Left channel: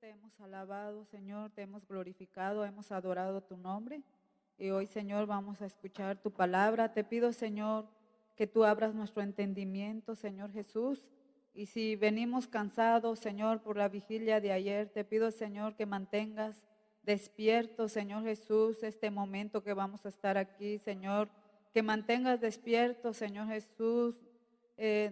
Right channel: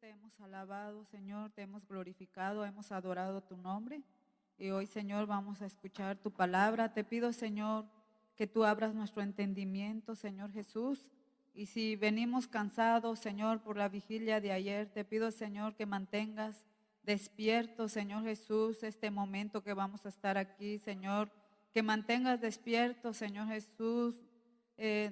te hemos alabado, Señor, te hemos glorificado, hemos adorado tu nombre. Y hoy, Señor, vamos a escuchar tu palabra. Te pido, Señor, que tú abras nuestro entendimiento, Señor Jesús. Y si venimos cansados, Señor, por la vigilia de ayer, te pido, Señor, que mantengas despierto, Señor Jesús, este momento que vamos a estar aquí, Señor. Que mantengas despierto, Señor Jesús,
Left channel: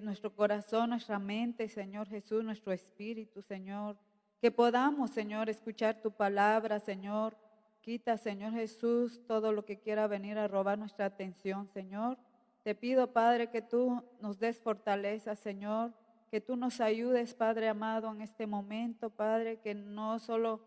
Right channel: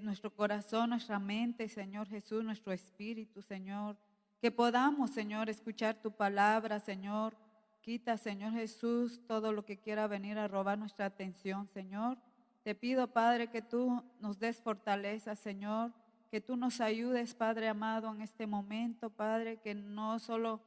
nuestro corazón, nuestra mente, Señor Jesús, nuestro espíritu, Señor. Que podamos, Señor, escuchar tu palabra, Señor. Quita, Señor Jesús, todo lo que quiera venir a robar nuestra atención, Señor. Te pido, Padre, que tú nos des fortaleza, Señor. Que tú nos ayudes, Padre amado, en este momento, Padre, que no solo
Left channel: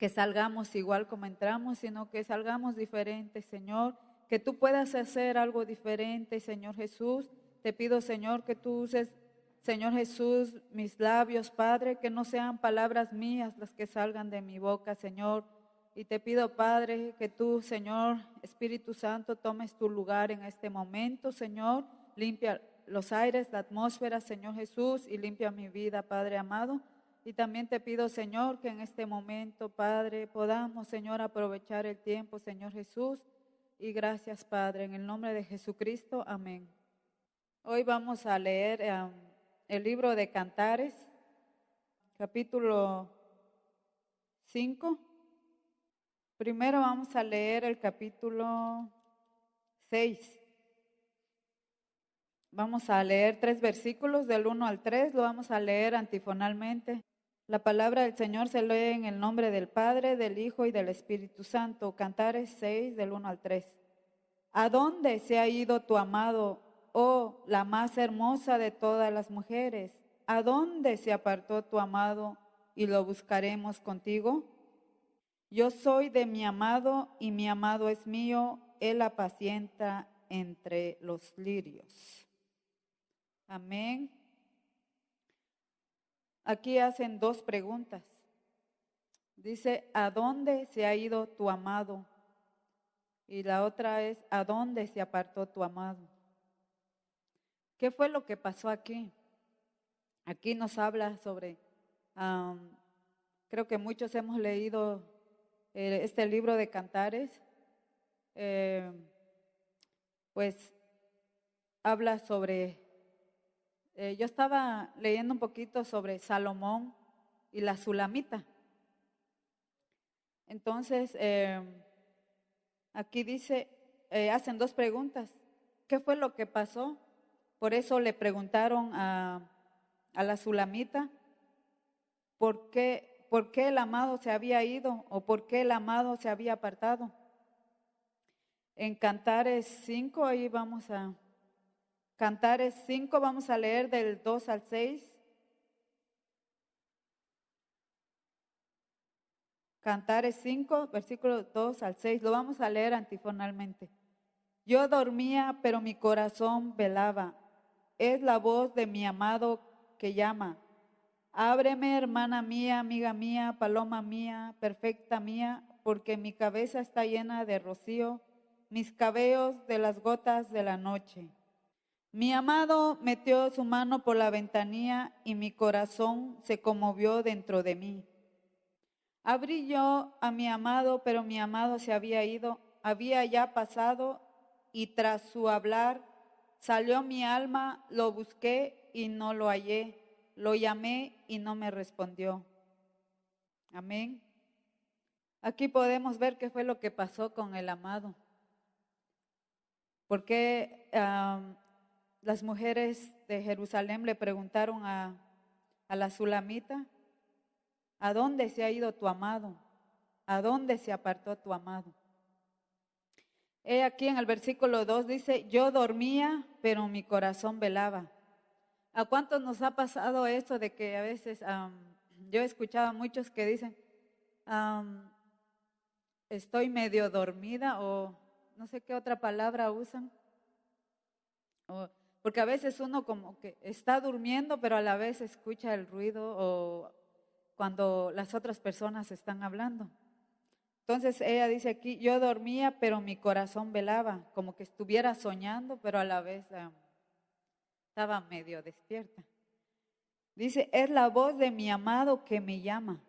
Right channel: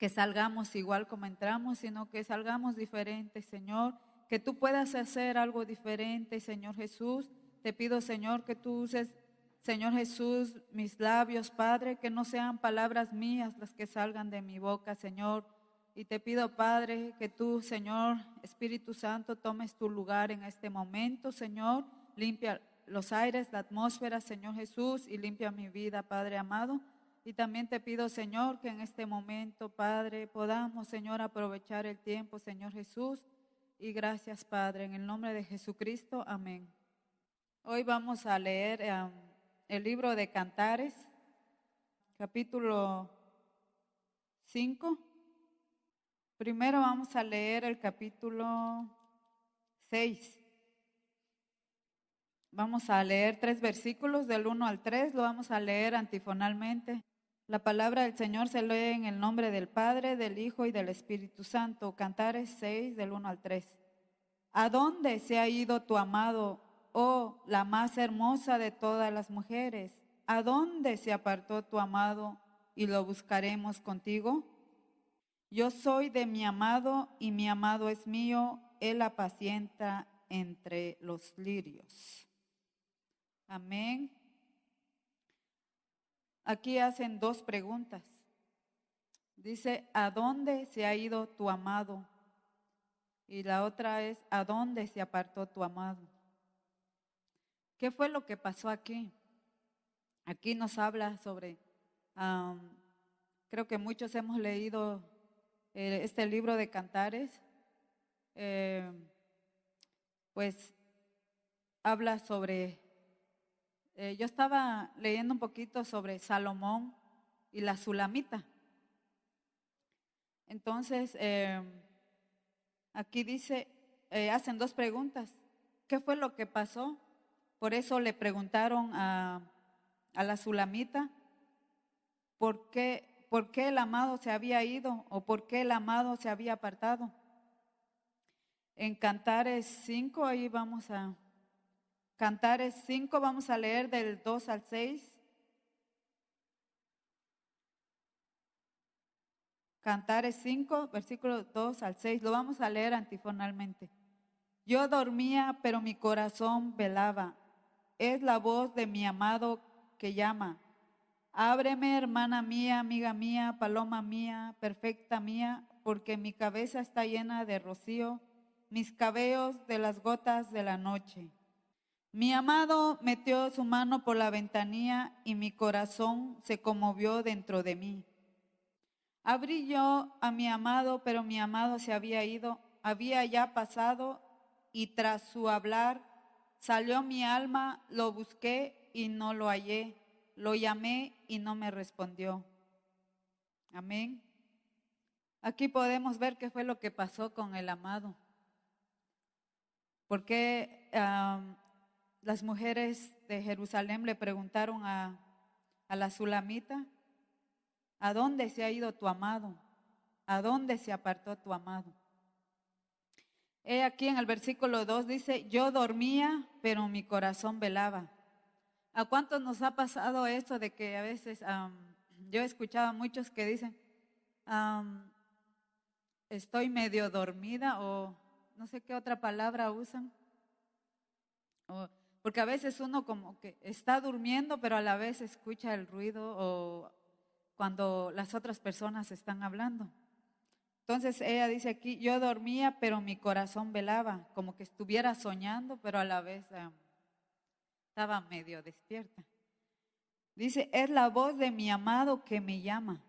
que salgamos igual como entramos, sino que salgamos diferentes, Señor. Que tú puedas hacer algo diferente, Señor Jesús. Te pido, Señor, que tú uses, Señor Jesús, mis labios, Padre, que no sean palabras mías las que salgan de mi boca, Señor. Y te pido, Padre, que tú, Señor, Espíritu Santo, tomes tu lugar en este momento, Señor. Limpia los aires, la atmósfera, Señor Jesús, y limpia mi vida, Padre amado. Y también te pido, Señor, que en este momento, Padre, podamos, Señor, aprovechar el tiempo, Señor Jesús. Y gracias, Padre, en el nombre de Jesucristo. Amén. Hoy vamos a leer el libro de Cantares, capítulo 5. Primero vamos a leer el capítulo 6. Vamos a leer 3 versículos del 1 al 3, lo vamos a leer antifonalmente. La palabra del Señor se lee en el nombre del Padre, del Hijo y del Espíritu Santo. Cantares 6, del 1 al 3. ¿A dónde se ha ido tu amado, oh la más hermosa de todas las mujeres? ¿A dónde se apartó tu amado y lo buscaremos contigo? Yo soy de mi amado y mi amado es mío, él apacienta entre los lirios. Amén. Aquí hacen 2 preguntas. Dice, ¿a dónde se ha ido tu amado? Y la otra es, ¿a dónde se apartó tu amado? ¿Qué fue lo que pasó aquí? Aquí nos habla sobre, creo que muchos hemos leído este libro de Cantares, pues habla sobre, yo estaba leyendo un poquito sobre Salomón y la Sulamita. Entonces, aquí dice, hacen 2 preguntas. ¿Qué fue lo que pasó? Por eso le preguntaron a la Sulamita, ¿por qué el amado se había ido o por qué el amado se había apartado? En Cantares 5, ahí vamos a, Cantares 5, vamos a leer del 2 al 6. Cantares 5, versículos 2 al 6, lo vamos a leer antifonalmente. Yo dormía, pero mi corazón velaba. Es la voz de mi amado que llama. Ábreme, hermana mía, amiga mía, paloma mía, perfecta mía, porque mi cabeza está llena de rocío, mis cabellos de las gotas de la noche. Mi amado metió su mano por la ventanilla y mi corazón se conmovió dentro de mí. Abrí yo a mi amado, pero mi amado se había ido, había ya pasado, y tras su hablar salió mi alma, lo busqué y no lo hallé, lo llamé y no me respondió. Amén. Aquí podemos ver qué fue lo que pasó con el amado. Porque las mujeres de Jerusalén le preguntaron a la Sulamita, ¿a dónde se ha ido tu amado? ¿A dónde se apartó tu amado? Aquí en el versículo 2 dice, yo dormía, pero mi corazón velaba. ¿A cuántos nos ha pasado esto de que a veces, yo he escuchado a muchos que dicen, estoy medio dormida o no sé qué otra palabra usan? Porque a veces uno como que está durmiendo, pero a la vez escucha el ruido o cuando las otras personas están hablando. Entonces ella dice aquí, yo dormía, pero mi corazón velaba, como que estuviera soñando, pero a la vez estaba medio despierta. Dice, es la voz de mi amado que me llama.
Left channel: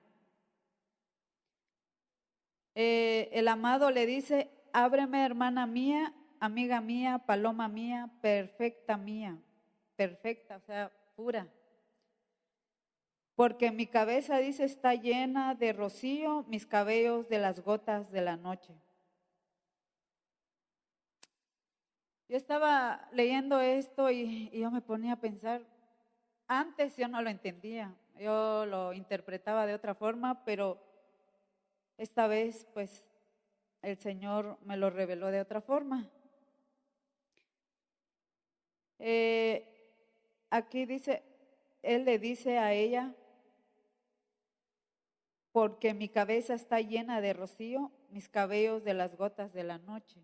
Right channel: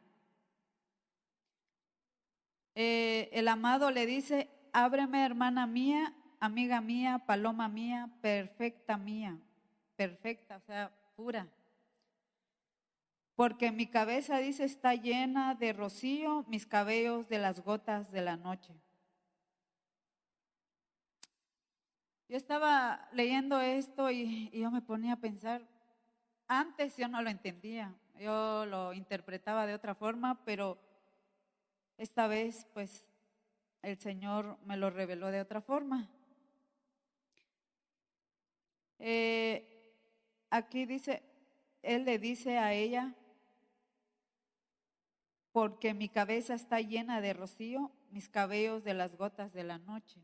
El amado le dice, ábreme, hermana mía, amiga mía, paloma mía, perfecta, o sea, pura. Porque mi cabeza, dice, está llena de rocío, mis cabellos de las gotas de la noche. Yo estaba leyendo esto y yo me ponía a pensar, antes yo no lo entendía, yo lo interpretaba de otra forma, pero esta vez pues el Señor me lo reveló de otra forma. Aquí dice, Él le dice a ella, porque mi cabeza está llena de rocío, mis cabellos de las gotas de la noche.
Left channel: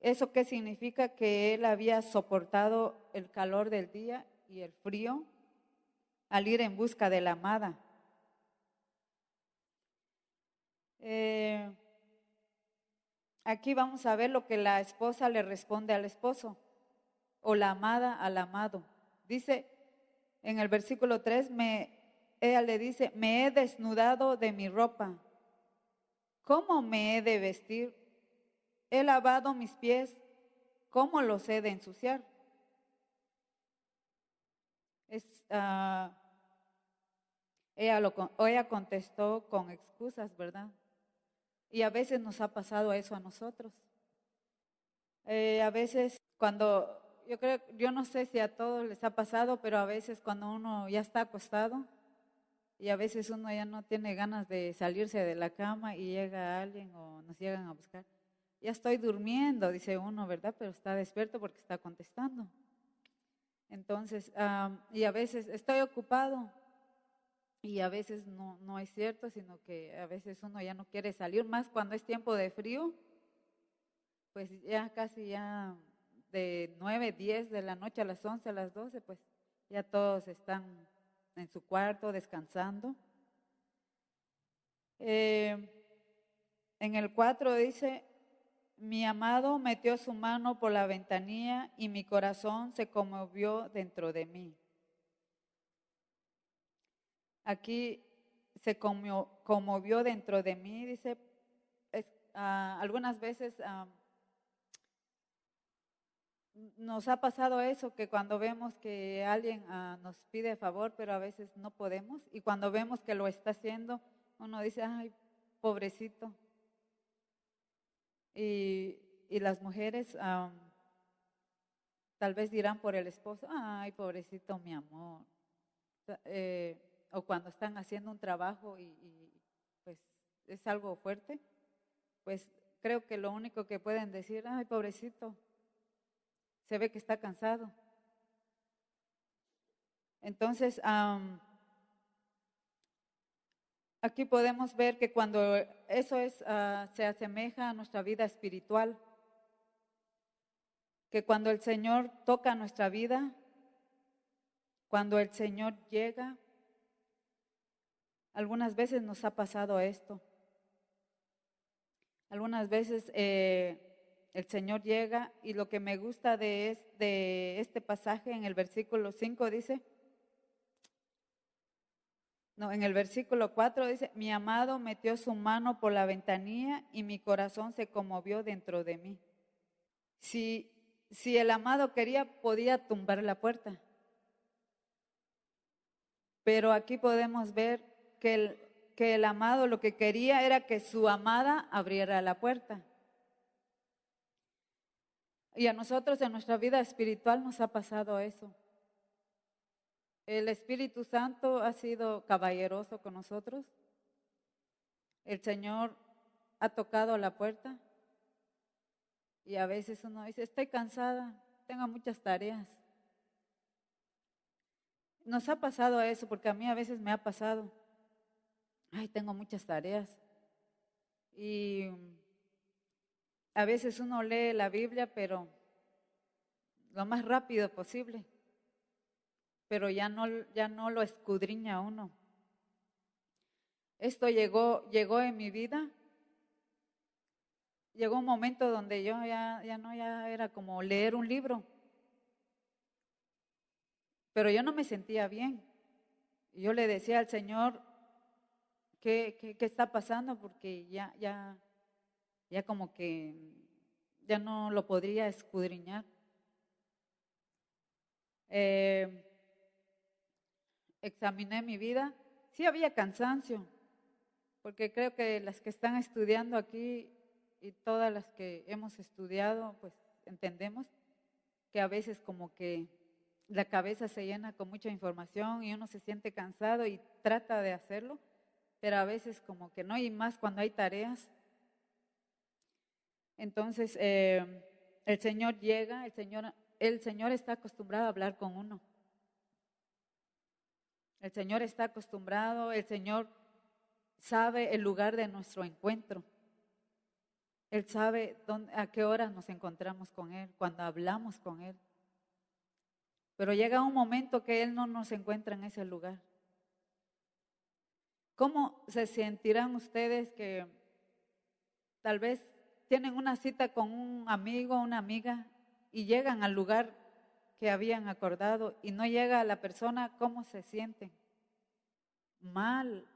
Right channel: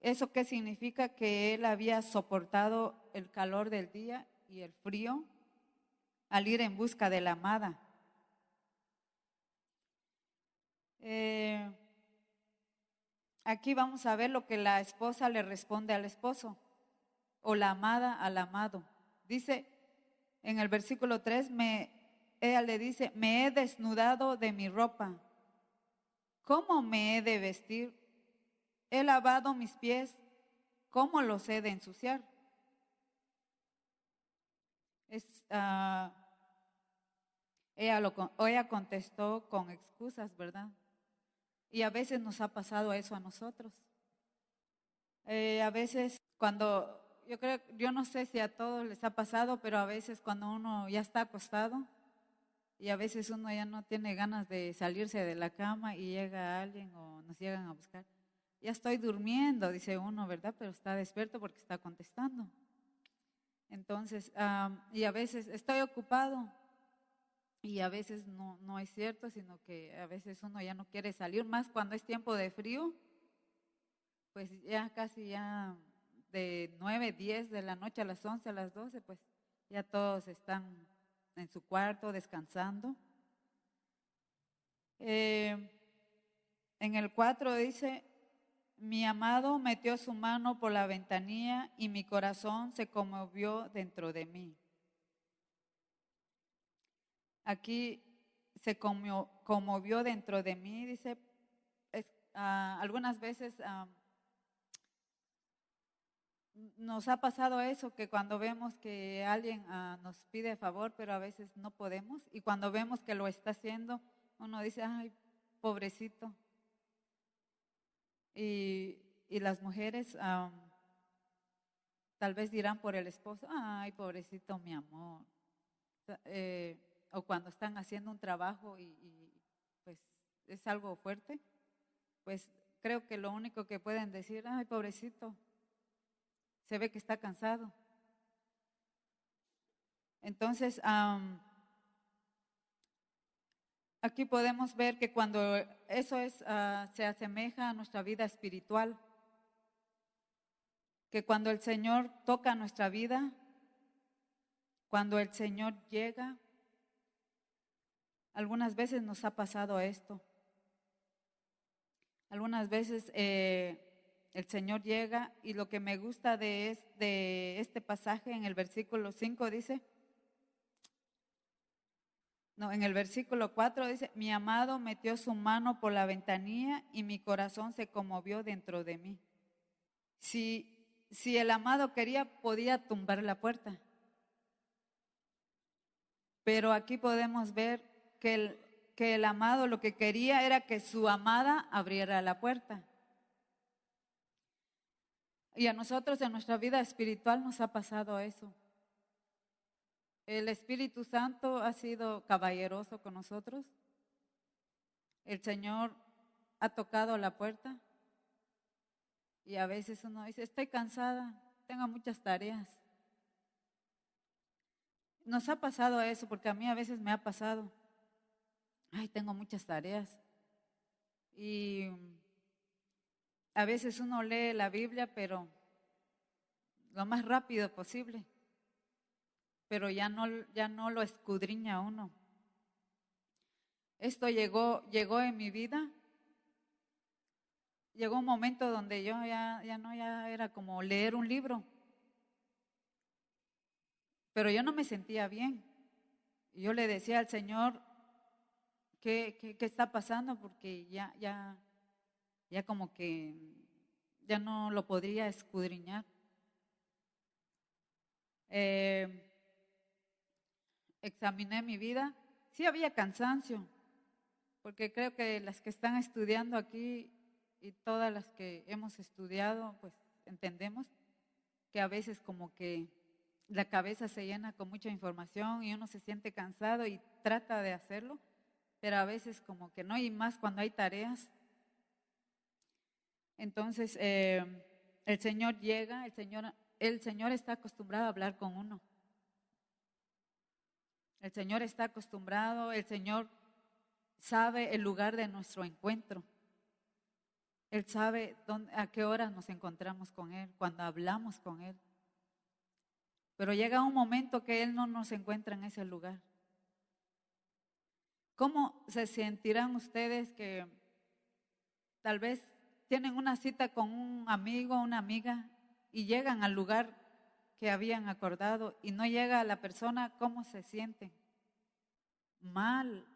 ¿Eso qué significa? Que él había soportado el calor del día y el frío al ir en busca de la amada. Aquí vamos a ver lo que la esposa le responde al esposo o la amada al amado. Dice en el versículo 3, ella le dice, me he desnudado de mi ropa. ¿Cómo me he de vestir? He lavado mis pies. ¿Cómo los he de ensuciar? Ella contestó con excusas, ¿verdad? Y a veces nos ha pasado eso a nosotros. A veces cuando, yo no sé si a todos les ha pasado, pero a veces cuando uno ya está acostado y a veces uno ya no tiene ganas de salirse de la cama y llega alguien o nos llegan a buscar. Ya estoy durmiendo, dice uno, ¿verdad? Pero está despierto porque está contestando. Entonces, y a veces estoy ocupado y a veces no es cierto, sino que a veces uno ya no quiere salir, más cuando es tiempo de frío, pues ya casi ya de 9, 10 de la noche a las 11, a las 12, pues ya todos están en su cuarto descansando. En el 4 dice, mi amado metió su mano por la ventanilla y mi corazón se conmovió dentro de mí. Aquí se conmovió dentro de mí, dice, algunas veces nos ha pasado eso, que cuando vemos que alguien nos pide favor, pero a veces no podemos, y cuando vemos que lo está haciendo, uno dice, ay, pobrecito. Y las mujeres tal vez dirán por el esposo, ay, pobrecito mi amor. O cuando están haciendo un trabajo y pues es algo fuerte, pues creo que lo único que pueden decir, ay, pobrecito, se ve que está cansado. Entonces, aquí podemos ver que cuando eso se asemeja a nuestra vida espiritual, que cuando el Señor toca nuestra vida, cuando el Señor llega, algunas veces nos ha pasado esto. Algunas veces el Señor llega y lo que me gusta de este pasaje en el versículo 5 dice, en el versículo 4 dice, mi amado metió su mano por la ventanilla y mi corazón se conmovió dentro de mí. Si el amado quería, podía tumbar la puerta. Pero aquí podemos ver que el amado lo que quería era que su amada abriera la puerta. Y a nosotros en nuestra vida espiritual nos ha pasado eso. El Espíritu Santo ha sido caballeroso con nosotros. El Señor ha tocado la puerta. Y a veces uno dice, estoy cansada, tengo muchas tareas. Nos ha pasado eso, porque a mí a veces me ha pasado. Ay, tengo muchas tareas. Y a veces uno lee la Biblia, pero lo más rápido posible. Pero ya no lo escudriña uno. Esto llegó en mi vida. Llegó un momento donde yo ya era como leer un libro. pero yo no me sentía bien. Y yo le decía al Señor, ¿qué está pasando? Porque ya como que ya no lo podría escudriñar. Eh, Examiné mi vida, sí había cansancio, porque creo que las que están estudiando aquí y todas las que hemos estudiado, pues entendemos que a veces como que la cabeza se llena con mucha información y uno se siente cansado y trata de hacerlo, pero a veces como que no, y más cuando hay tareas. Entonces, el Señor llega, el Señor está acostumbrado a hablar con uno. El Señor está acostumbrado, el Señor sabe el lugar de nuestro encuentro. Él sabe a qué horas nos encontramos con Él, cuando hablamos con Él. Pero llega un momento que Él no nos encuentra en ese lugar. ¿Cómo se sentirán ustedes que tal vez tienen una cita con un amigo, una amiga, y llegan al lugar que habían acordado y no llega la persona? ¿Cómo se sienten? Mal,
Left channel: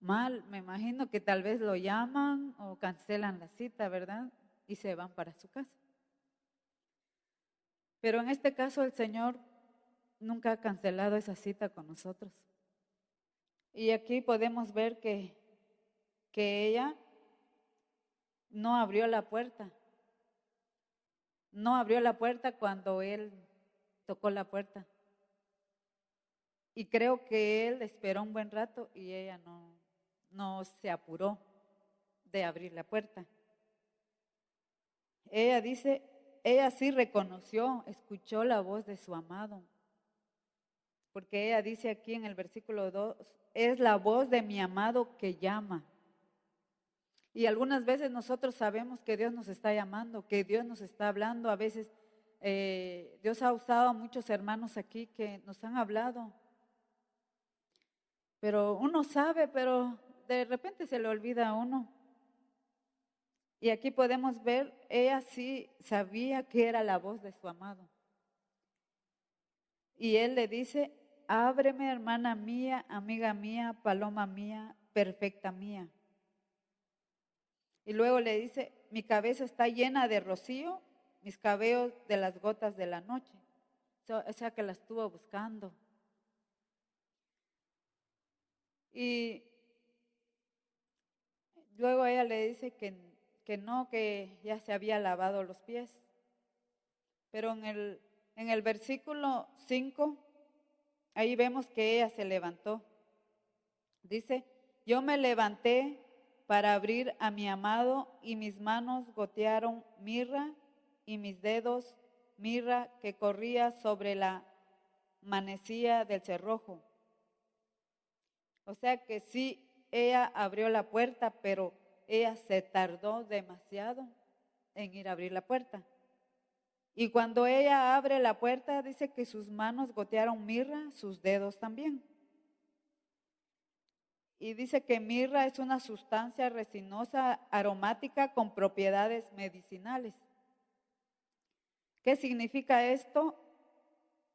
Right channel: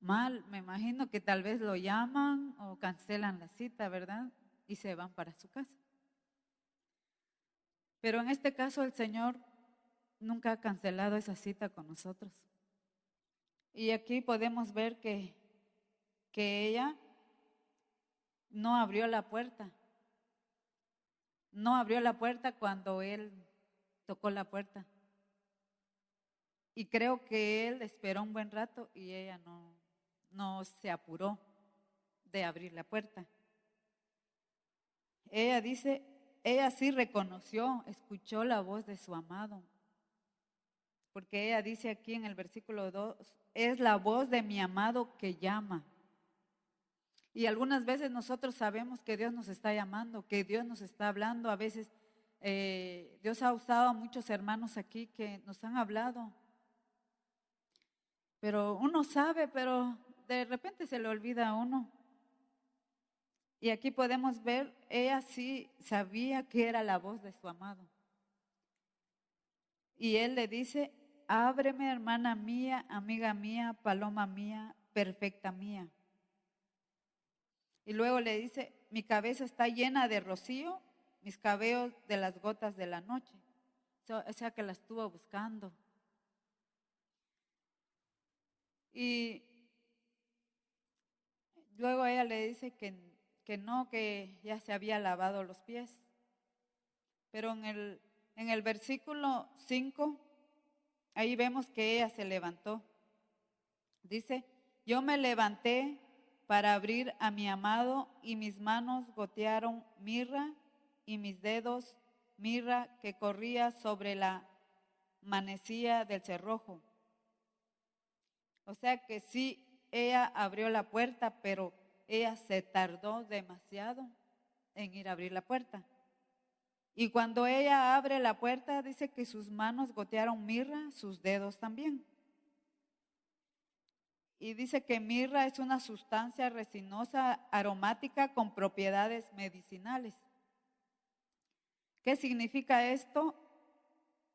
mal. Me imagino que tal vez lo llaman o cancelan la cita, ¿verdad? Y se van para su casa. Pero en este caso el Señor nunca ha cancelado esa cita con nosotros. Y aquí podemos ver que ella no abrió la puerta. No abrió la puerta cuando él tocó la puerta. Y creo que él esperó un buen rato y ella no se apuró de abrir la puerta. Ella dice, ella sí reconoció, escuchó la voz de su amado. Porque ella dice aquí en el versículo 2, es la voz de mi amado que llama. Y algunas veces nosotros sabemos que Dios nos está llamando, que Dios nos está hablando. A veces Dios ha usado a muchos hermanos aquí que nos han hablado. Pero uno sabe, pero de repente se le olvida a uno. Y aquí podemos ver, ella sí sabía que era la voz de su amado. Y él le dice, ábreme, hermana mía, amiga mía, paloma mía, perfecta mía. Y luego le dice, mi cabeza está llena de rocío, mis cabellos de las gotas de la noche. O sea que la estuvo buscando. Y luego ella le dice que no, que ya se había lavado los pies. Pero en el versículo 5, ahí vemos que ella se levantó. Dice, yo me levanté para abrir a mi amado y mis manos gotearon mirra y mis dedos mirra que corría sobre la manecilla del cerrojo. O sea que sí, ella abrió la puerta, pero ella se tardó demasiado en ir a abrir la puerta. Y cuando ella abre la puerta, dice que sus manos gotearon mirra, sus dedos también. Y dice que mirra es una sustancia resinosa aromática con propiedades medicinales. ¿Qué significa esto?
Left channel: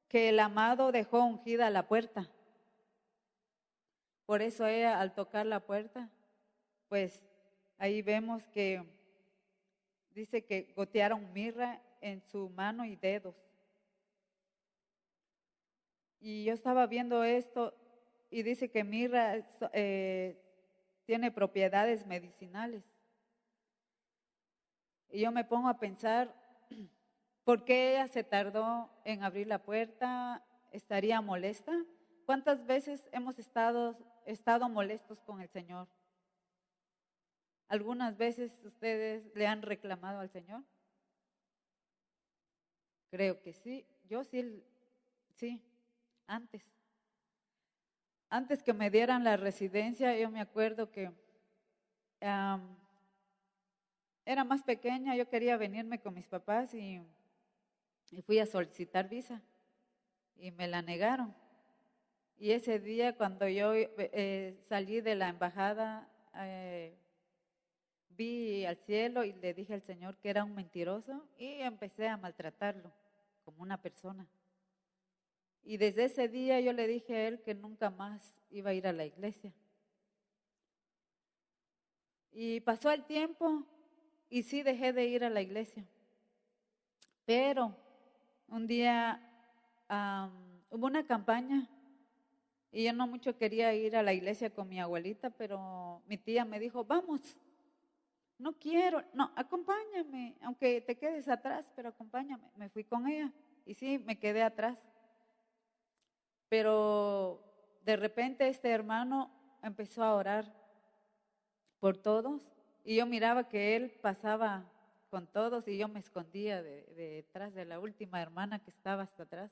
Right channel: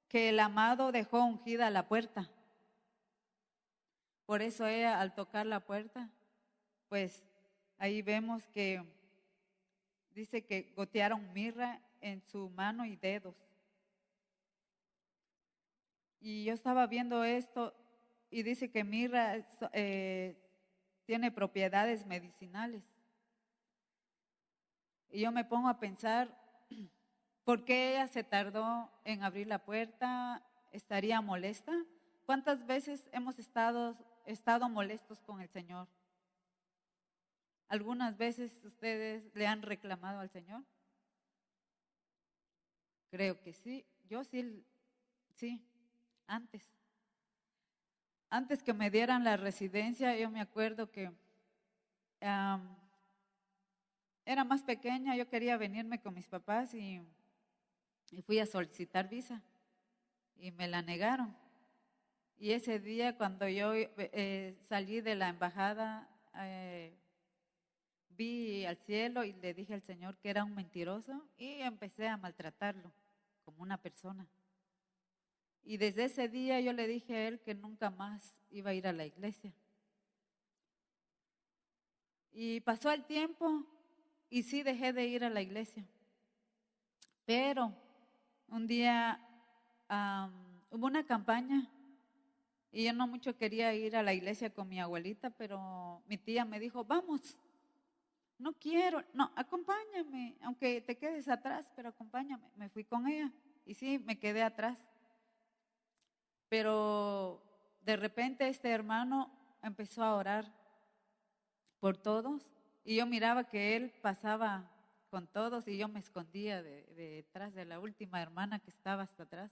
Que el amado dejó ungida la puerta. Por eso ella al tocar la puerta, pues ahí vemos que dice que gotearon mirra en su mano y dedos. Y yo estaba viendo esto y dice que mirra tiene propiedades medicinales. Y yo me pongo a pensar, ¿por qué ella se tardó en abrir la puerta? ¿Estaría molesta? ¿Cuántas veces hemos estado molestos con el Señor? ¿Algunas veces ustedes le han reclamado al Señor? Creo que sí. Yo sí, antes. Antes que me dieran la residencia, yo me acuerdo que era más pequeña, yo quería venirme con mis papás y fui a solicitar visa y me la negaron. Y ese día cuando yo salí de la embajada, vi al cielo y le dije al Señor que era un mentiroso y empecé a maltratarlo como una persona. Y desde ese día yo le dije a él que nunca más iba a ir a la iglesia. Y pasó el tiempo y sí dejé de ir a la iglesia. Pero un día hubo una campaña y yo no mucho quería ir a la iglesia con mi abuelita, pero mi tía me dijo, vamos. No quiero, no, acompáñame, aunque te quedes atrás, pero acompáñame. Me fui con ella y sí, me quedé atrás. Pero de repente este hermano empezó a orar por todos y yo miraba que él pasaba con todos y yo me escondía detrás de la última hermana que estaba hasta atrás.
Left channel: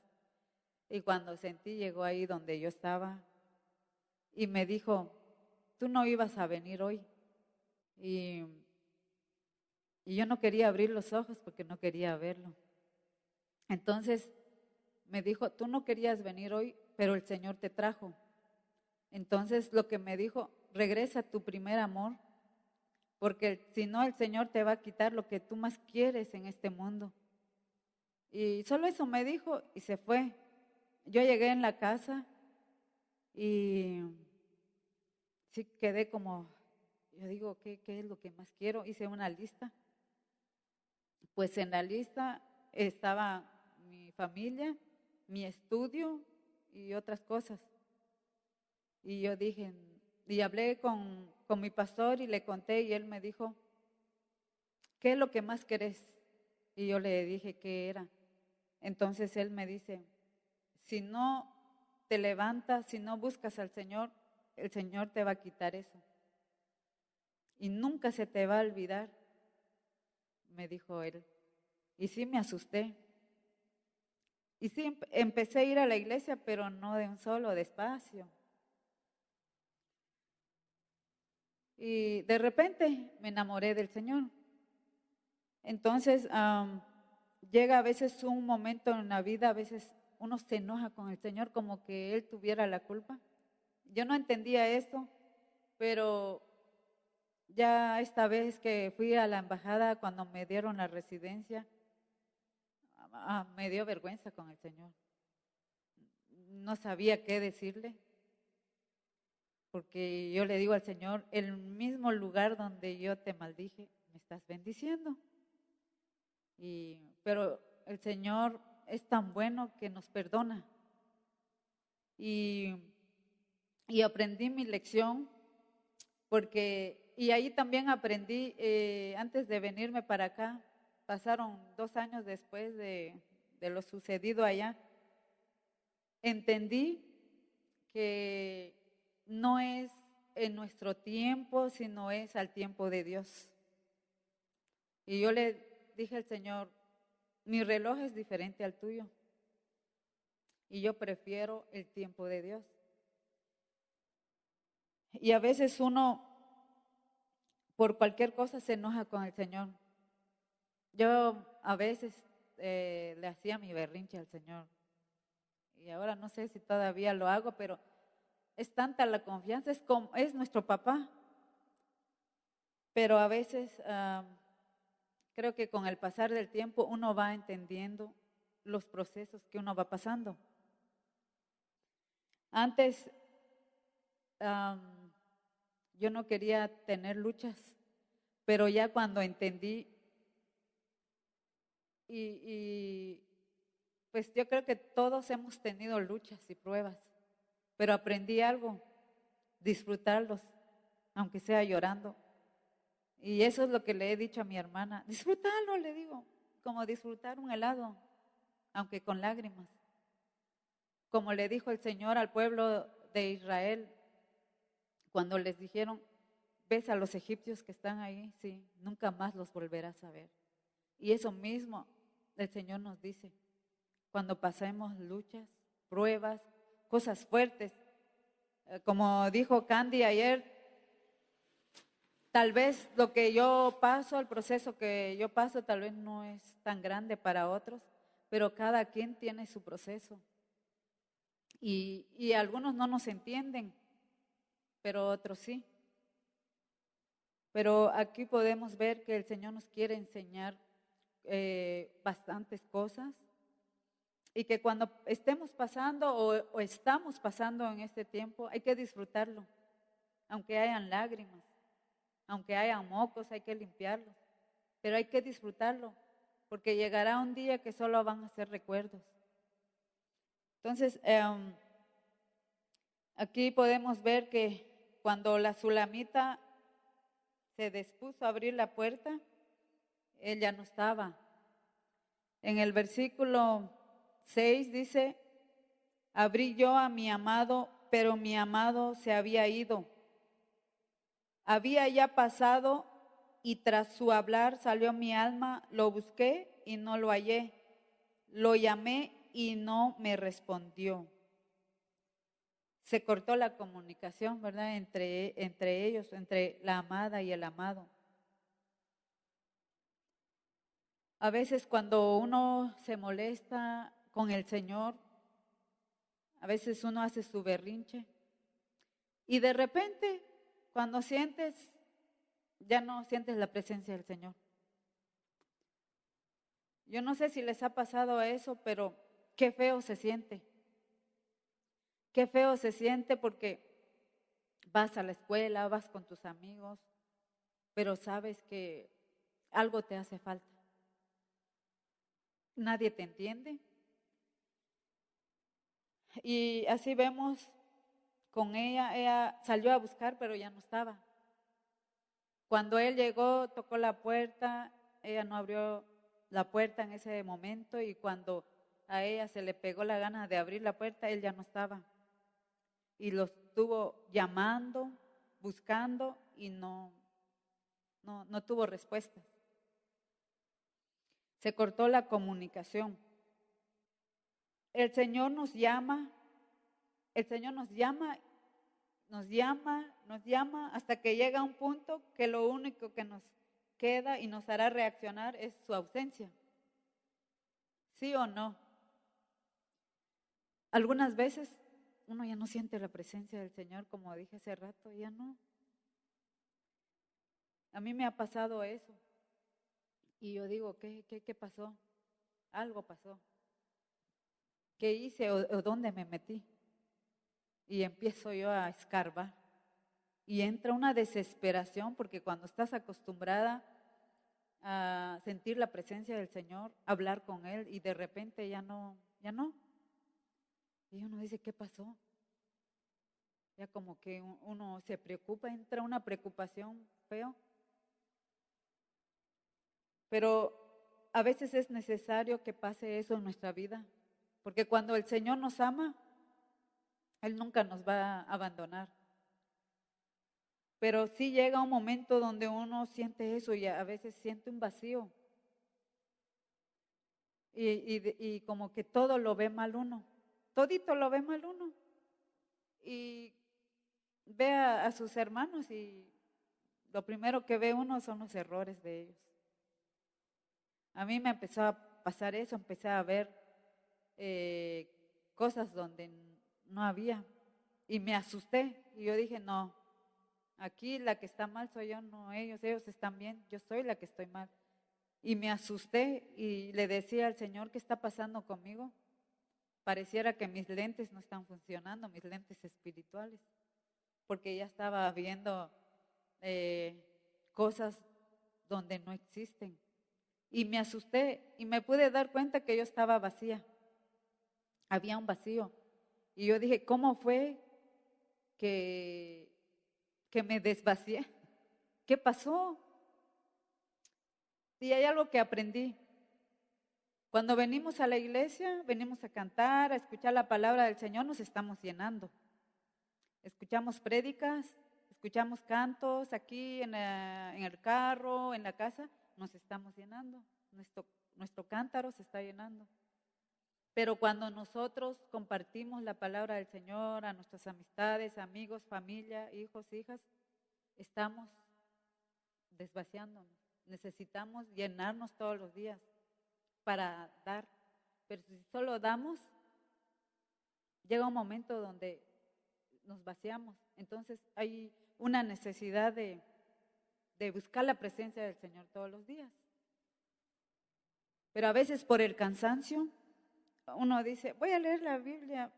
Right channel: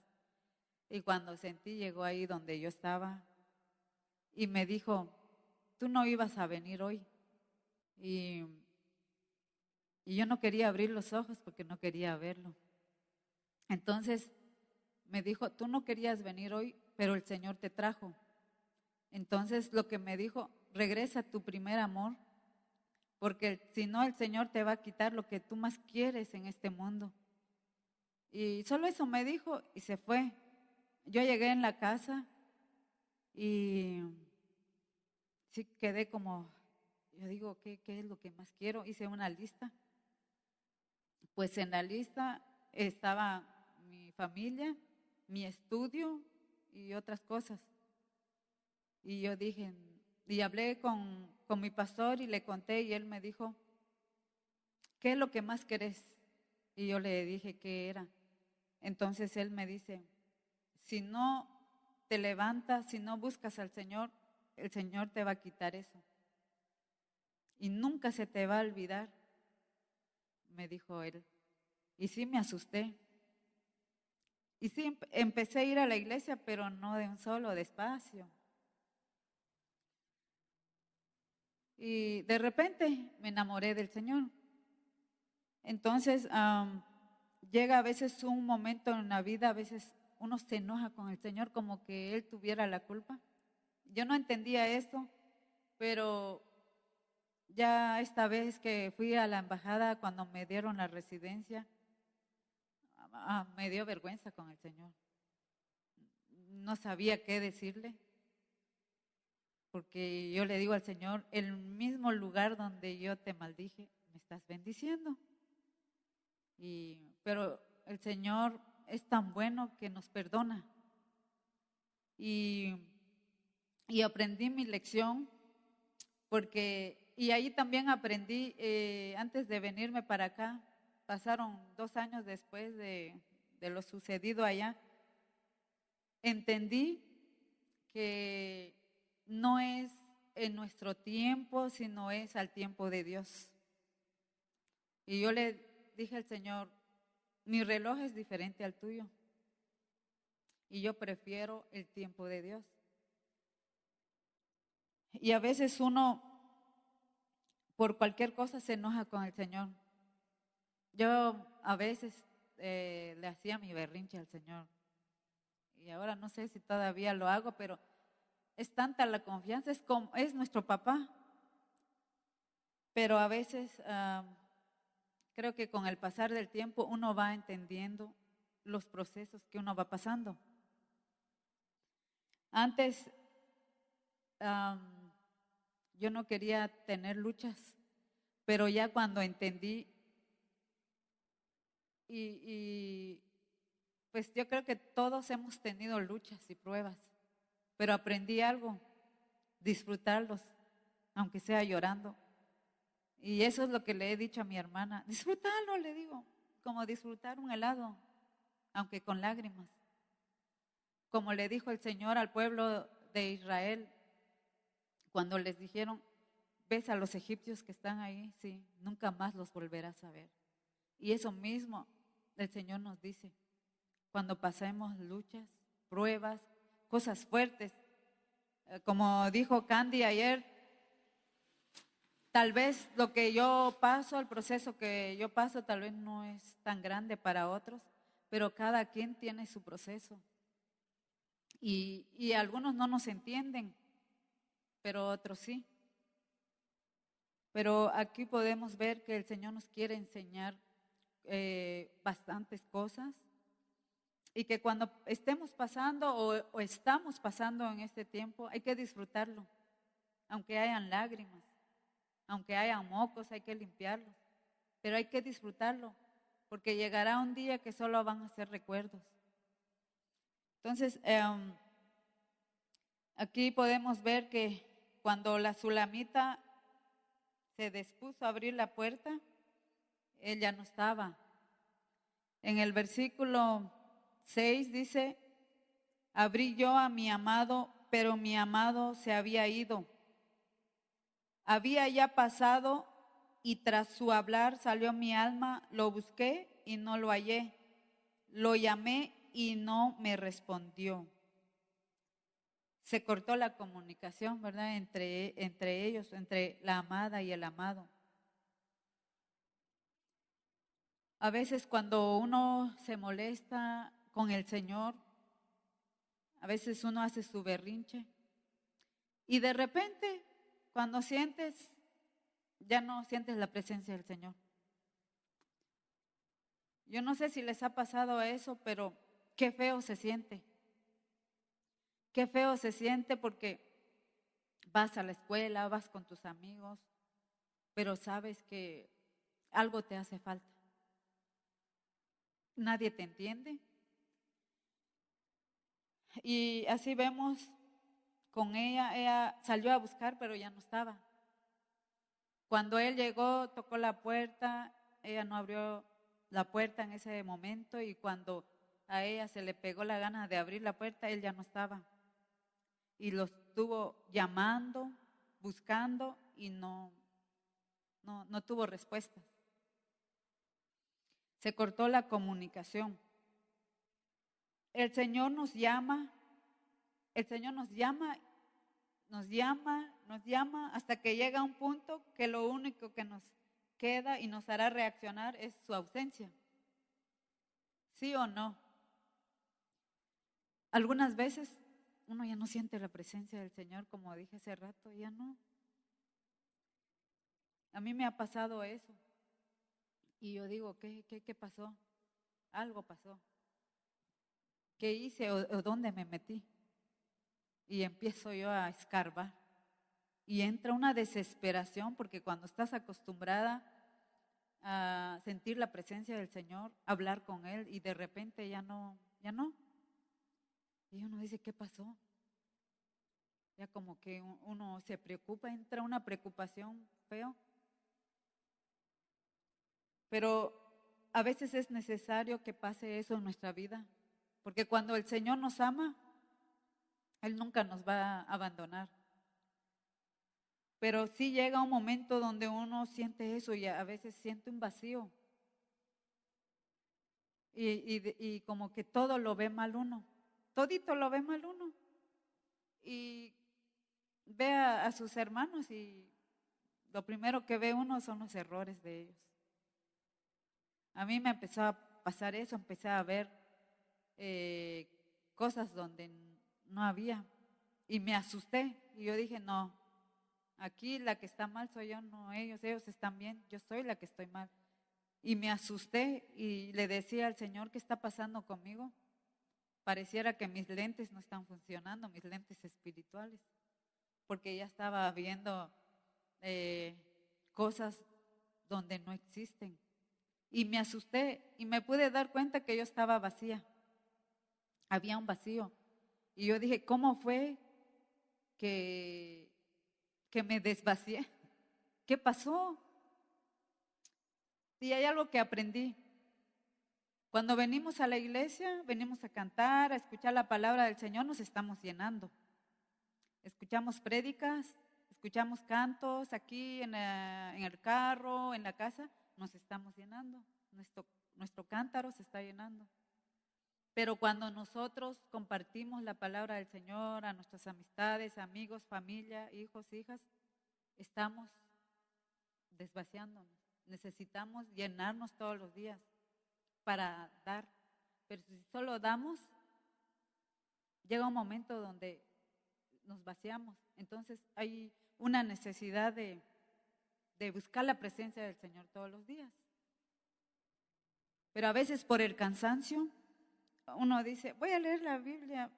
Y cuando sentí, llegó ahí donde yo estaba y me dijo, tú no ibas a venir hoy. Y, y yo no quería abrir los ojos porque no quería verlo. Entonces me dijo, tú no querías venir hoy, pero el Señor te trajo. Entonces lo que me dijo, regresa a tu primer amor, porque si no el Señor te va a quitar lo que tú más quieres en este mundo. Y solo eso me dijo y se fue. Yo llegué en la casa y sí quedé como, yo digo, ¿qué es lo que más quiero? Hice una lista. Pues en la lista estaba mi familia, mi estudio y otras cosas. Y yo dije, y hablé con mi pastor y le conté y él me dijo, ¿qué es lo que más querés? Y yo le dije qué era. Entonces él me dice, si no te levantas, si no buscas al Señor, el Señor te va a quitar eso. Y nunca se te va a olvidar, me dijo él. Y sí me asusté. Y sí empecé a ir a la iglesia, pero no de un solo, despacio. Y de repente me enamoré del Señor. Entonces, llega a veces un momento en la vida, a veces uno se enoja con el Señor como que Él tuviera la culpa. Yo no entendía esto, pero ya esta vez que fui a la embajada cuando me dieron la residencia, me dio vergüenza con el Señor. No sabía qué decirle, porque yo le digo al Señor, el mismo lugar donde yo te maldije, me estás bendiciendo. Pero el Señor es tan bueno que nos perdona. Y, y aprendí mi lección, y ahí también aprendí, antes de venirme para acá, pasaron 2 años después de lo sucedido allá, entendí que no es en nuestro tiempo, sino es al tiempo de Dios. Y yo le dije al Señor, mi reloj es diferente al tuyo y yo prefiero el tiempo de Dios. Y a veces uno por cualquier cosa se enoja con el Señor. Yo a veces le hacía mi berrinche al Señor y ahora no sé si todavía lo hago, pero es tanta la confianza, es nuestro papá, pero a veces creo que con el pasar del tiempo uno va entendiendo los procesos que uno va pasando. Antes yo no quería tener luchas, pero ya cuando entendí y pues yo creo que todos hemos tenido luchas y pruebas, pero aprendí algo, disfrutarlos, aunque sea llorando. Y eso es lo que le he dicho a mi hermana, disfrutarlo, le digo, como disfrutar un helado, aunque con lágrimas. Como le dijo el Señor al pueblo de Israel, cuando les dijeron, ves a los egipcios que están ahí, sí, nunca más los volverás a ver. Y eso mismo el Señor nos dice, cuando pasemos luchas, pruebas, cosas fuertes. Como dijo Candy ayer, tal vez lo que yo paso, el proceso que yo paso, tal vez no es tan grande para otros, pero cada quien tiene su proceso. Y algunos no nos entienden, pero otros sí. Pero aquí podemos ver que el Señor nos quiere enseñar bastantes cosas y que cuando estemos pasando o estamos pasando en este tiempo, hay que disfrutarlo, aunque hayan lágrimas, aunque hayan mocos, hay que limpiarlos, pero hay que disfrutarlo, porque llegará un día que solo van a ser recuerdos. Entonces, aquí podemos ver que cuando la sulamita se dispuso a abrir la puerta, él ya no estaba. En el versículo 6 dice, abrí yo a mi amado, pero mi amado se había ido. Había ya pasado y tras su hablar salió mi alma, lo busqué y no lo hallé. Lo llamé y no me respondió. Se cortó la comunicación, ¿verdad? Entre ellos, entre la amada y el amado. A veces cuando uno se molesta con el Señor, a veces uno hace su berrinche y de repente cuando sientes, ya no sientes la presencia del Señor. Yo no sé si les ha pasado eso, pero qué feo se siente. Qué feo se siente porque vas a la escuela, vas con tus amigos, pero sabes que algo te hace falta. Nadie te entiende. Y así vemos con ella salió a buscar, pero ya no estaba. Cuando él llegó, tocó la puerta, ella no abrió la puerta en ese momento y cuando a ella se le pegó la gana de abrir la puerta, él ya no estaba. Y lo estuvo llamando, buscando y no tuvo respuestas. Se cortó la comunicación. El Señor nos llama hasta que llega un punto que lo único que nos queda y nos hará reaccionar es su ausencia. ¿Sí o no? Algunas veces uno ya no siente la presencia del Señor, como dije hace rato, ya no. A mí me ha pasado eso. Y yo digo, ¿qué pasó? Algo pasó. ¿Qué hice o dónde me metí? Y empiezo yo a escarbar. Y entra una desesperación porque cuando estás acostumbrada a sentir la presencia del Señor, hablar con Él y de repente ya no. Y uno dice, ¿qué pasó? Ya como que uno se preocupa, entra una preocupación feo. Pero a veces es necesario que pase eso en nuestra vida, porque cuando el Señor nos ama, Él nunca nos va a abandonar. Pero sí llega un momento donde uno siente eso y a veces siente un vacío. Y como que todo lo ve mal uno. Todito lo ve mal uno. Y ve a sus hermanos y lo primero que ve uno son los errores de ellos. A mí me empezó a pasar eso, empecé a ver cosas donde no había y me asusté y yo dije, no, aquí la que está mal soy yo, no ellos están bien, yo soy la que estoy mal. Y me asusté y le decía al Señor, ¿qué está pasando conmigo? Pareciera que mis lentes no están funcionando, mis lentes espirituales, porque ya estaba viendo cosas donde no existen. Y me asusté y me pude dar cuenta que yo estaba vacía. Había un vacío. Y yo dije, ¿cómo fue que me desvacié? ¿Qué pasó? Y hay algo que aprendí. Cuando venimos a la iglesia, venimos a cantar, a escuchar la palabra del Señor, nos estamos llenando. Escuchamos prédicas, escuchamos cantos aquí en el carro, en la casa, nos estamos llenando. Nuestro cántaro se está llenando. Pero cuando nosotros compartimos la palabra del Señor a nuestras amistades, amigos, familia, hijos, hijas, estamos desvaciándonos. Necesitamos llenarnos todos los días para dar. Pero si solo damos, llega un momento donde nos vaciamos. Entonces hay una necesidad de buscar la presencia del Señor todos los días. Pero a veces por el cansancio, uno dice, voy a leer la Biblia.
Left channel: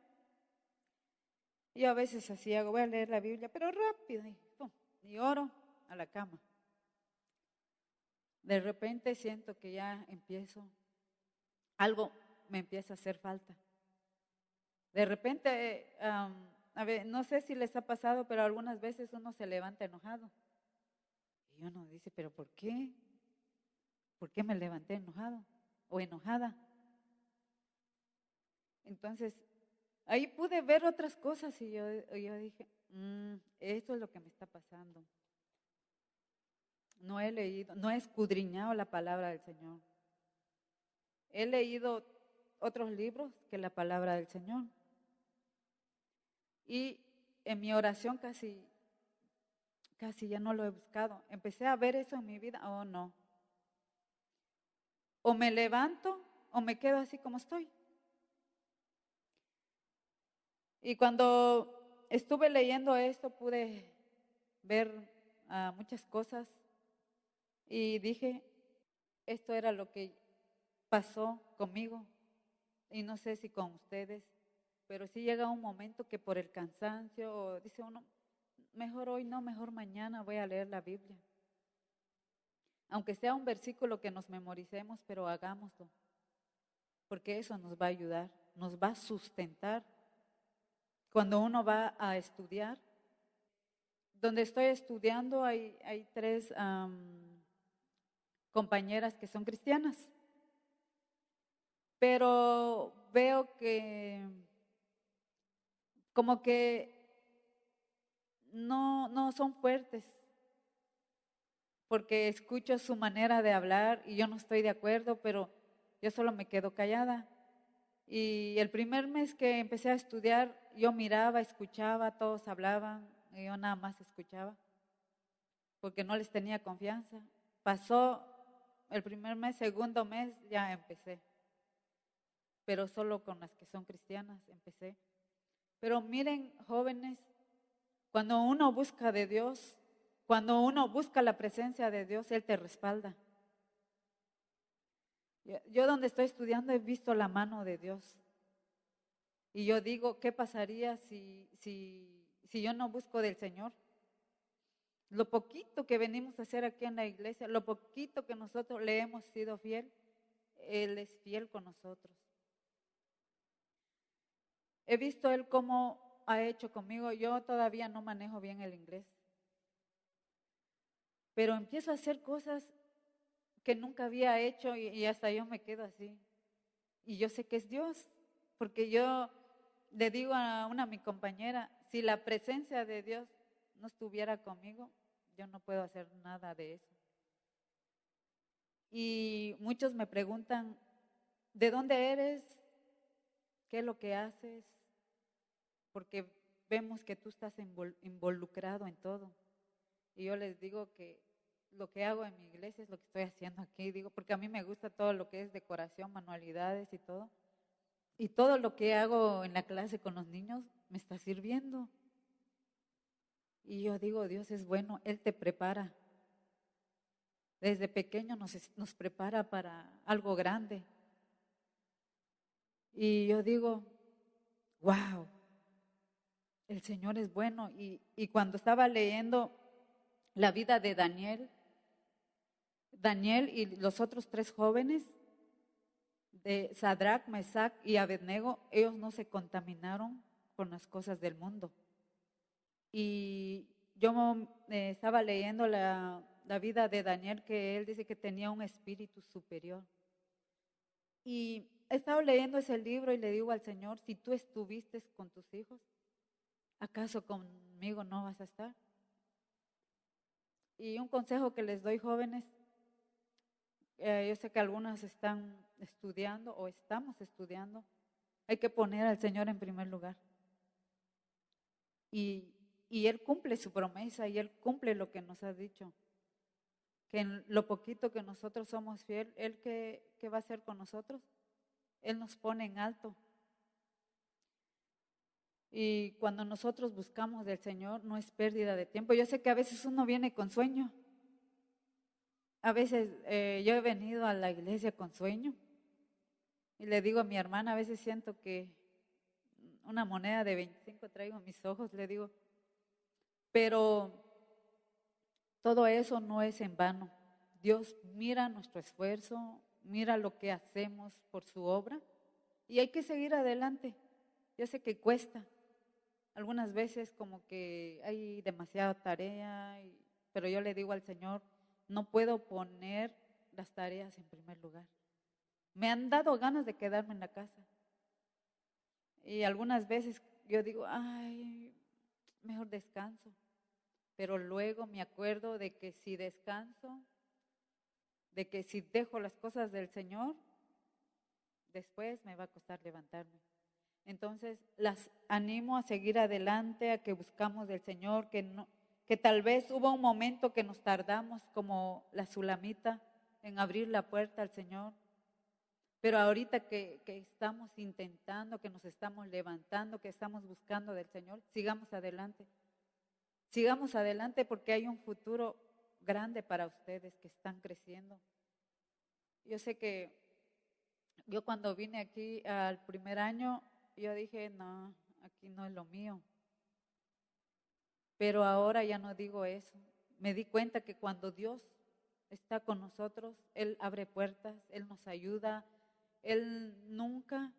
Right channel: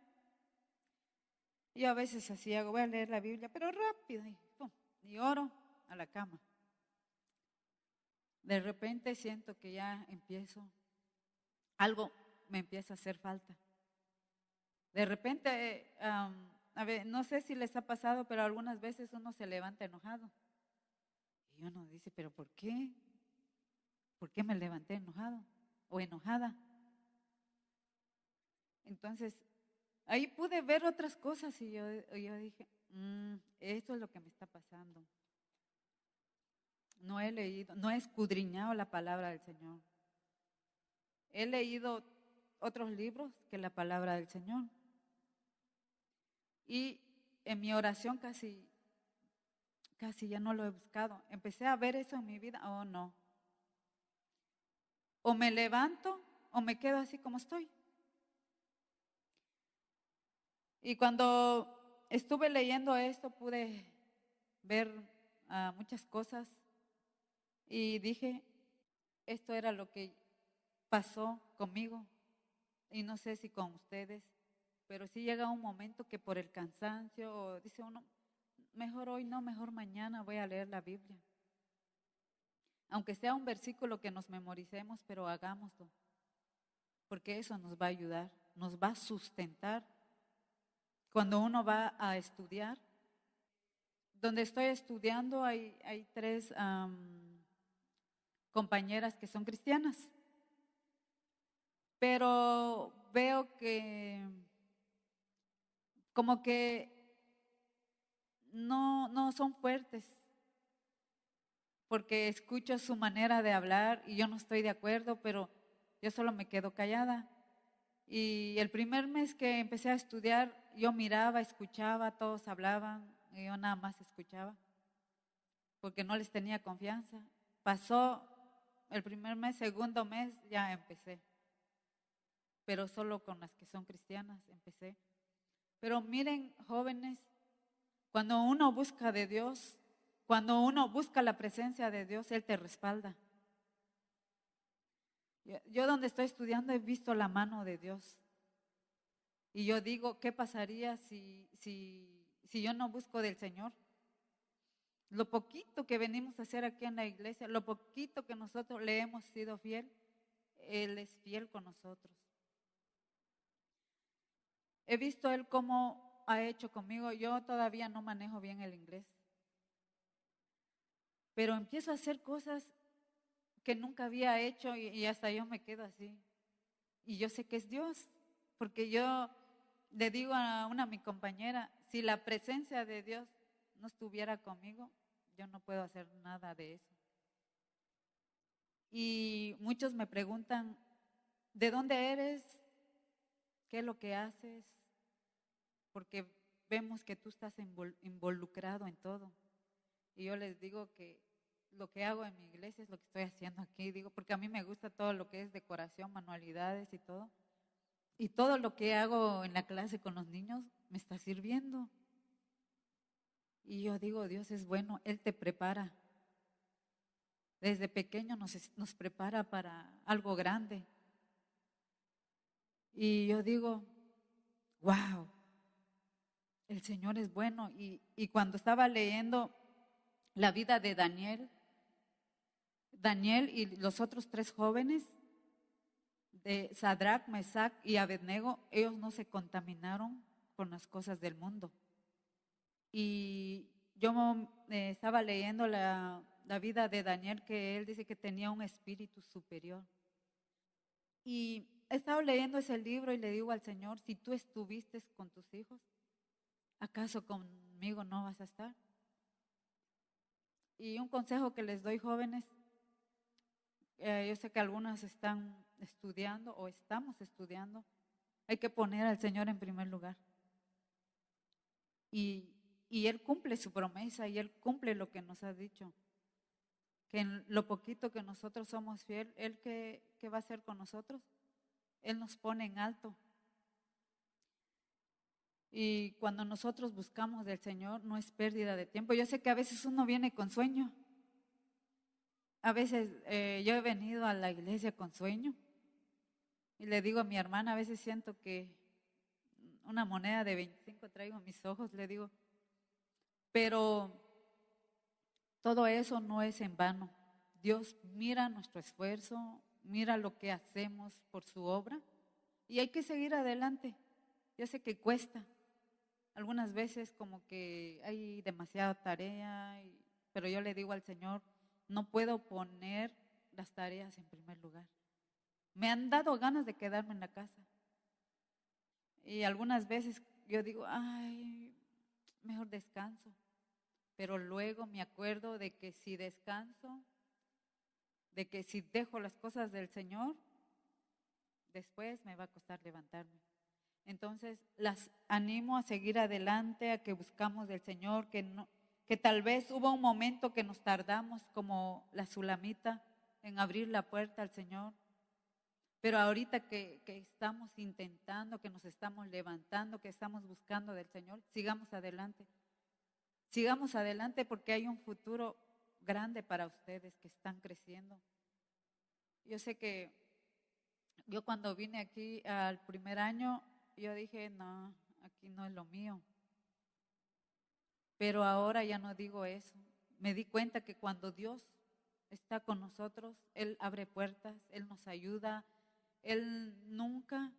Yo a veces así hago, voy a leer la Biblia, pero rápido, y, pum, y oro a la cama. De repente siento que ya empiezo, algo me empieza a hacer falta. De repente, a ver, no sé si les ha pasado, pero algunas veces uno se levanta enojado. Y uno dice, ¿pero por qué? ¿Por qué me levanté enojado o enojada? Entonces, ahí pude ver otras cosas y yo dije, esto es lo que me está pasando. No he leído, no he escudriñado la palabra del Señor. He leído otros libros que la palabra del Señor. Y en mi oración casi ya no lo he buscado. Empecé a ver eso en mi vida, oh no. O me levanto o me quedo así como estoy. Y cuando estuve leyendo esto pude ver muchas cosas y dije, esto era lo que pasó conmigo y no sé si con ustedes, pero sí llega un momento que por el cansancio dice uno, mejor hoy no, mejor mañana voy a leer la Biblia. Aunque sea un versículo que nos memoricemos, pero hagámoslo, porque eso nos va a ayudar, nos va a sustentar. Cuando uno va a estudiar, donde estoy estudiando hay tres compañeras que son cristianas, pero veo que como que no son fuertes, porque escucho su manera de hablar y yo no estoy de acuerdo, pero yo solo me quedo callada. Y el primer mes que empecé a estudiar, yo miraba, escuchaba, todos hablaban, y yo nada más escuchaba, porque no les tenía confianza. Pasó el primer mes, segundo mes, ya empecé, pero solo con las que son cristianas empecé. Pero miren, jóvenes, cuando uno busca de Dios, cuando uno busca la presencia de Dios, Él te respalda. Yo donde estoy estudiando he visto la mano de Dios. Y yo digo, ¿qué pasaría si yo no busco del Señor? Lo poquito que venimos a hacer aquí en la iglesia, lo poquito que nosotros le hemos sido fiel, Él es fiel con nosotros. He visto Él cómo ha hecho conmigo. Yo todavía no manejo bien el inglés, pero empiezo a hacer cosas que nunca había hecho y hasta yo me quedo así. Y yo sé que es Dios, porque yo le digo a mi compañera, si la presencia de Dios no estuviera conmigo, yo no puedo hacer nada de eso. Y muchos me preguntan, ¿de dónde eres? ¿Qué es lo que haces? Porque vemos que tú estás involucrado en todo. Y yo les digo que lo que hago en mi iglesia es lo que estoy haciendo aquí, digo, porque a mí me gusta todo lo que es decoración, manualidades y todo. Y todo lo que hago en la clase con los niños me está sirviendo. Y yo digo, Dios es bueno, Él te prepara. Desde pequeño nos prepara para algo grande. Y yo digo, wow, el Señor es bueno. Y cuando estaba leyendo la vida de Daniel y los otros tres jóvenes, de Sadrach, Mesach y Abednego, ellos no se contaminaron con las cosas del mundo. Y yo estaba leyendo la vida de Daniel, que él dice que tenía un espíritu superior. Y he estado leyendo ese libro y le digo al Señor, si tú estuviste con tus hijos, ¿acaso conmigo no vas a estar? Y un consejo que les doy, jóvenes, yo sé que algunas están estudiando o estamos estudiando, hay que poner al Señor en primer lugar. Y Él cumple su promesa y Él cumple lo que nos ha dicho. Que en lo poquito que nosotros somos fiel, Él ¿qué va a hacer con nosotros? Él nos pone en alto. Y cuando nosotros buscamos del Señor, no es pérdida de tiempo. Yo sé que a veces uno viene con sueño. A veces yo he venido a la iglesia con sueño. Y le digo a mi hermana, a veces siento que una moneda de 25 traigo en mis ojos, le digo, pero todo eso no es en vano. Dios mira nuestro esfuerzo, mira lo que hacemos por su obra y hay que seguir adelante. Yo sé que cuesta. Algunas veces como que hay demasiada tarea, pero yo le digo al Señor, no puedo poner las tareas en primer lugar. Me han dado ganas de quedarme en la casa. Y algunas veces yo digo, ay, mejor descanso. Pero luego me acuerdo de que si descanso, de que si dejo las cosas del Señor, después me va a costar levantarme. Entonces las animo a seguir adelante, a que buscamos del Señor, que tal vez hubo un momento que nos tardamos como la Sulamita en abrir la puerta al Señor, pero ahorita que estamos intentando, que nos estamos levantando, que estamos buscando del Señor, sigamos adelante. Sigamos adelante porque hay un futuro grande para ustedes que están creciendo. Yo sé que yo cuando vine aquí al primer año, yo dije, no, aquí no es lo mío. Pero ahora ya no digo eso. Me di cuenta que cuando Dios está con nosotros, Él abre puertas, Él nos ayuda, Él nunca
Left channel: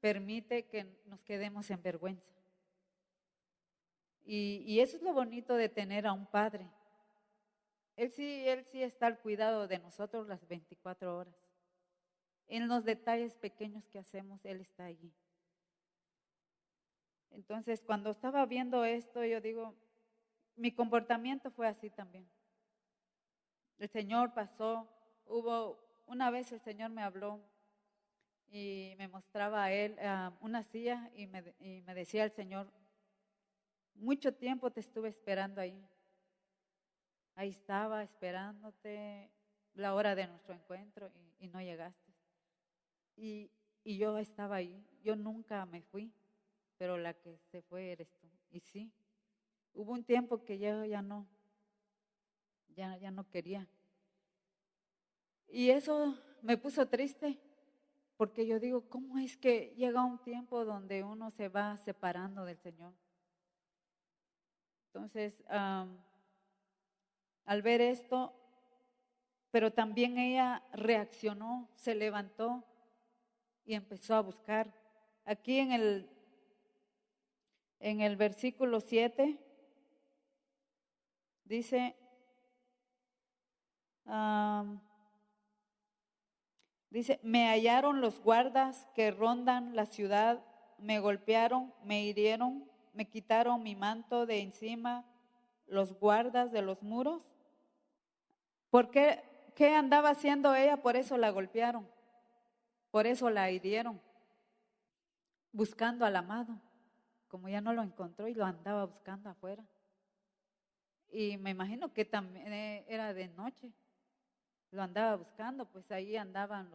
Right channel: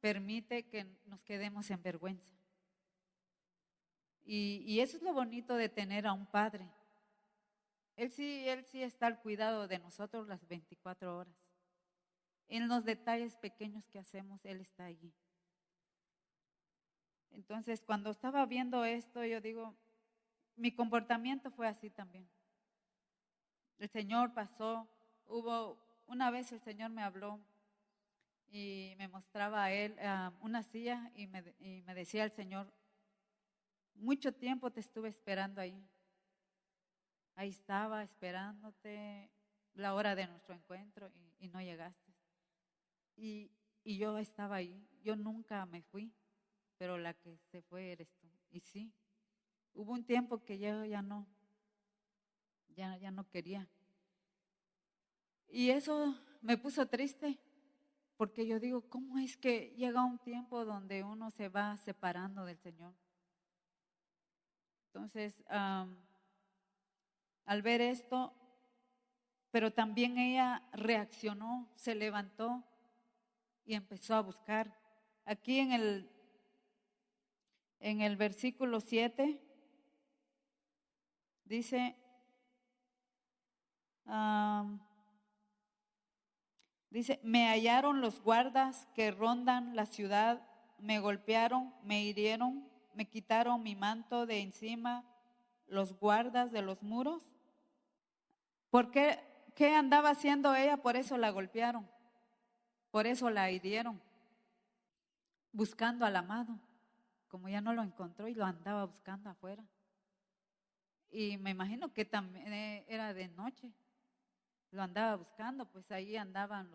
permite que nos quedemos en vergüenza. Y eso es lo bonito de tener a un padre. Él sí está al cuidado de nosotros las 24 horas. En los detalles pequeños que hacemos, Él está allí. Entonces, cuando estaba viendo esto, yo digo, mi comportamiento fue así también. El Señor pasó, una vez el Señor me habló y me mostraba a Él una silla y me decía el Señor, mucho tiempo te estuve esperando ahí. Ahí estaba esperándote la hora de nuestro encuentro y no llegaste. Y yo estaba ahí, yo nunca me fui, pero la que se fue eres tú. Y sí, hubo un tiempo que yo ya no quería. Y eso me puso triste, porque yo digo, ¿cómo es que llega un tiempo donde uno se va separando del Señor? Entonces, al ver esto, pero también ella reaccionó, se levantó y empezó a buscar. Aquí en el versículo 7 dice, me hallaron los guardas que rondan la ciudad, me golpearon, me hirieron, me quitaron mi manto de encima, los guardas de los muros. ¿Por qué? ¿Qué andaba haciendo ella? Por eso la golpearon, por eso la hirieron, buscando al amado, como ya no lo encontró y lo andaba buscando afuera. Y me imagino que también era de noche, lo andaba buscando, pues ahí andaban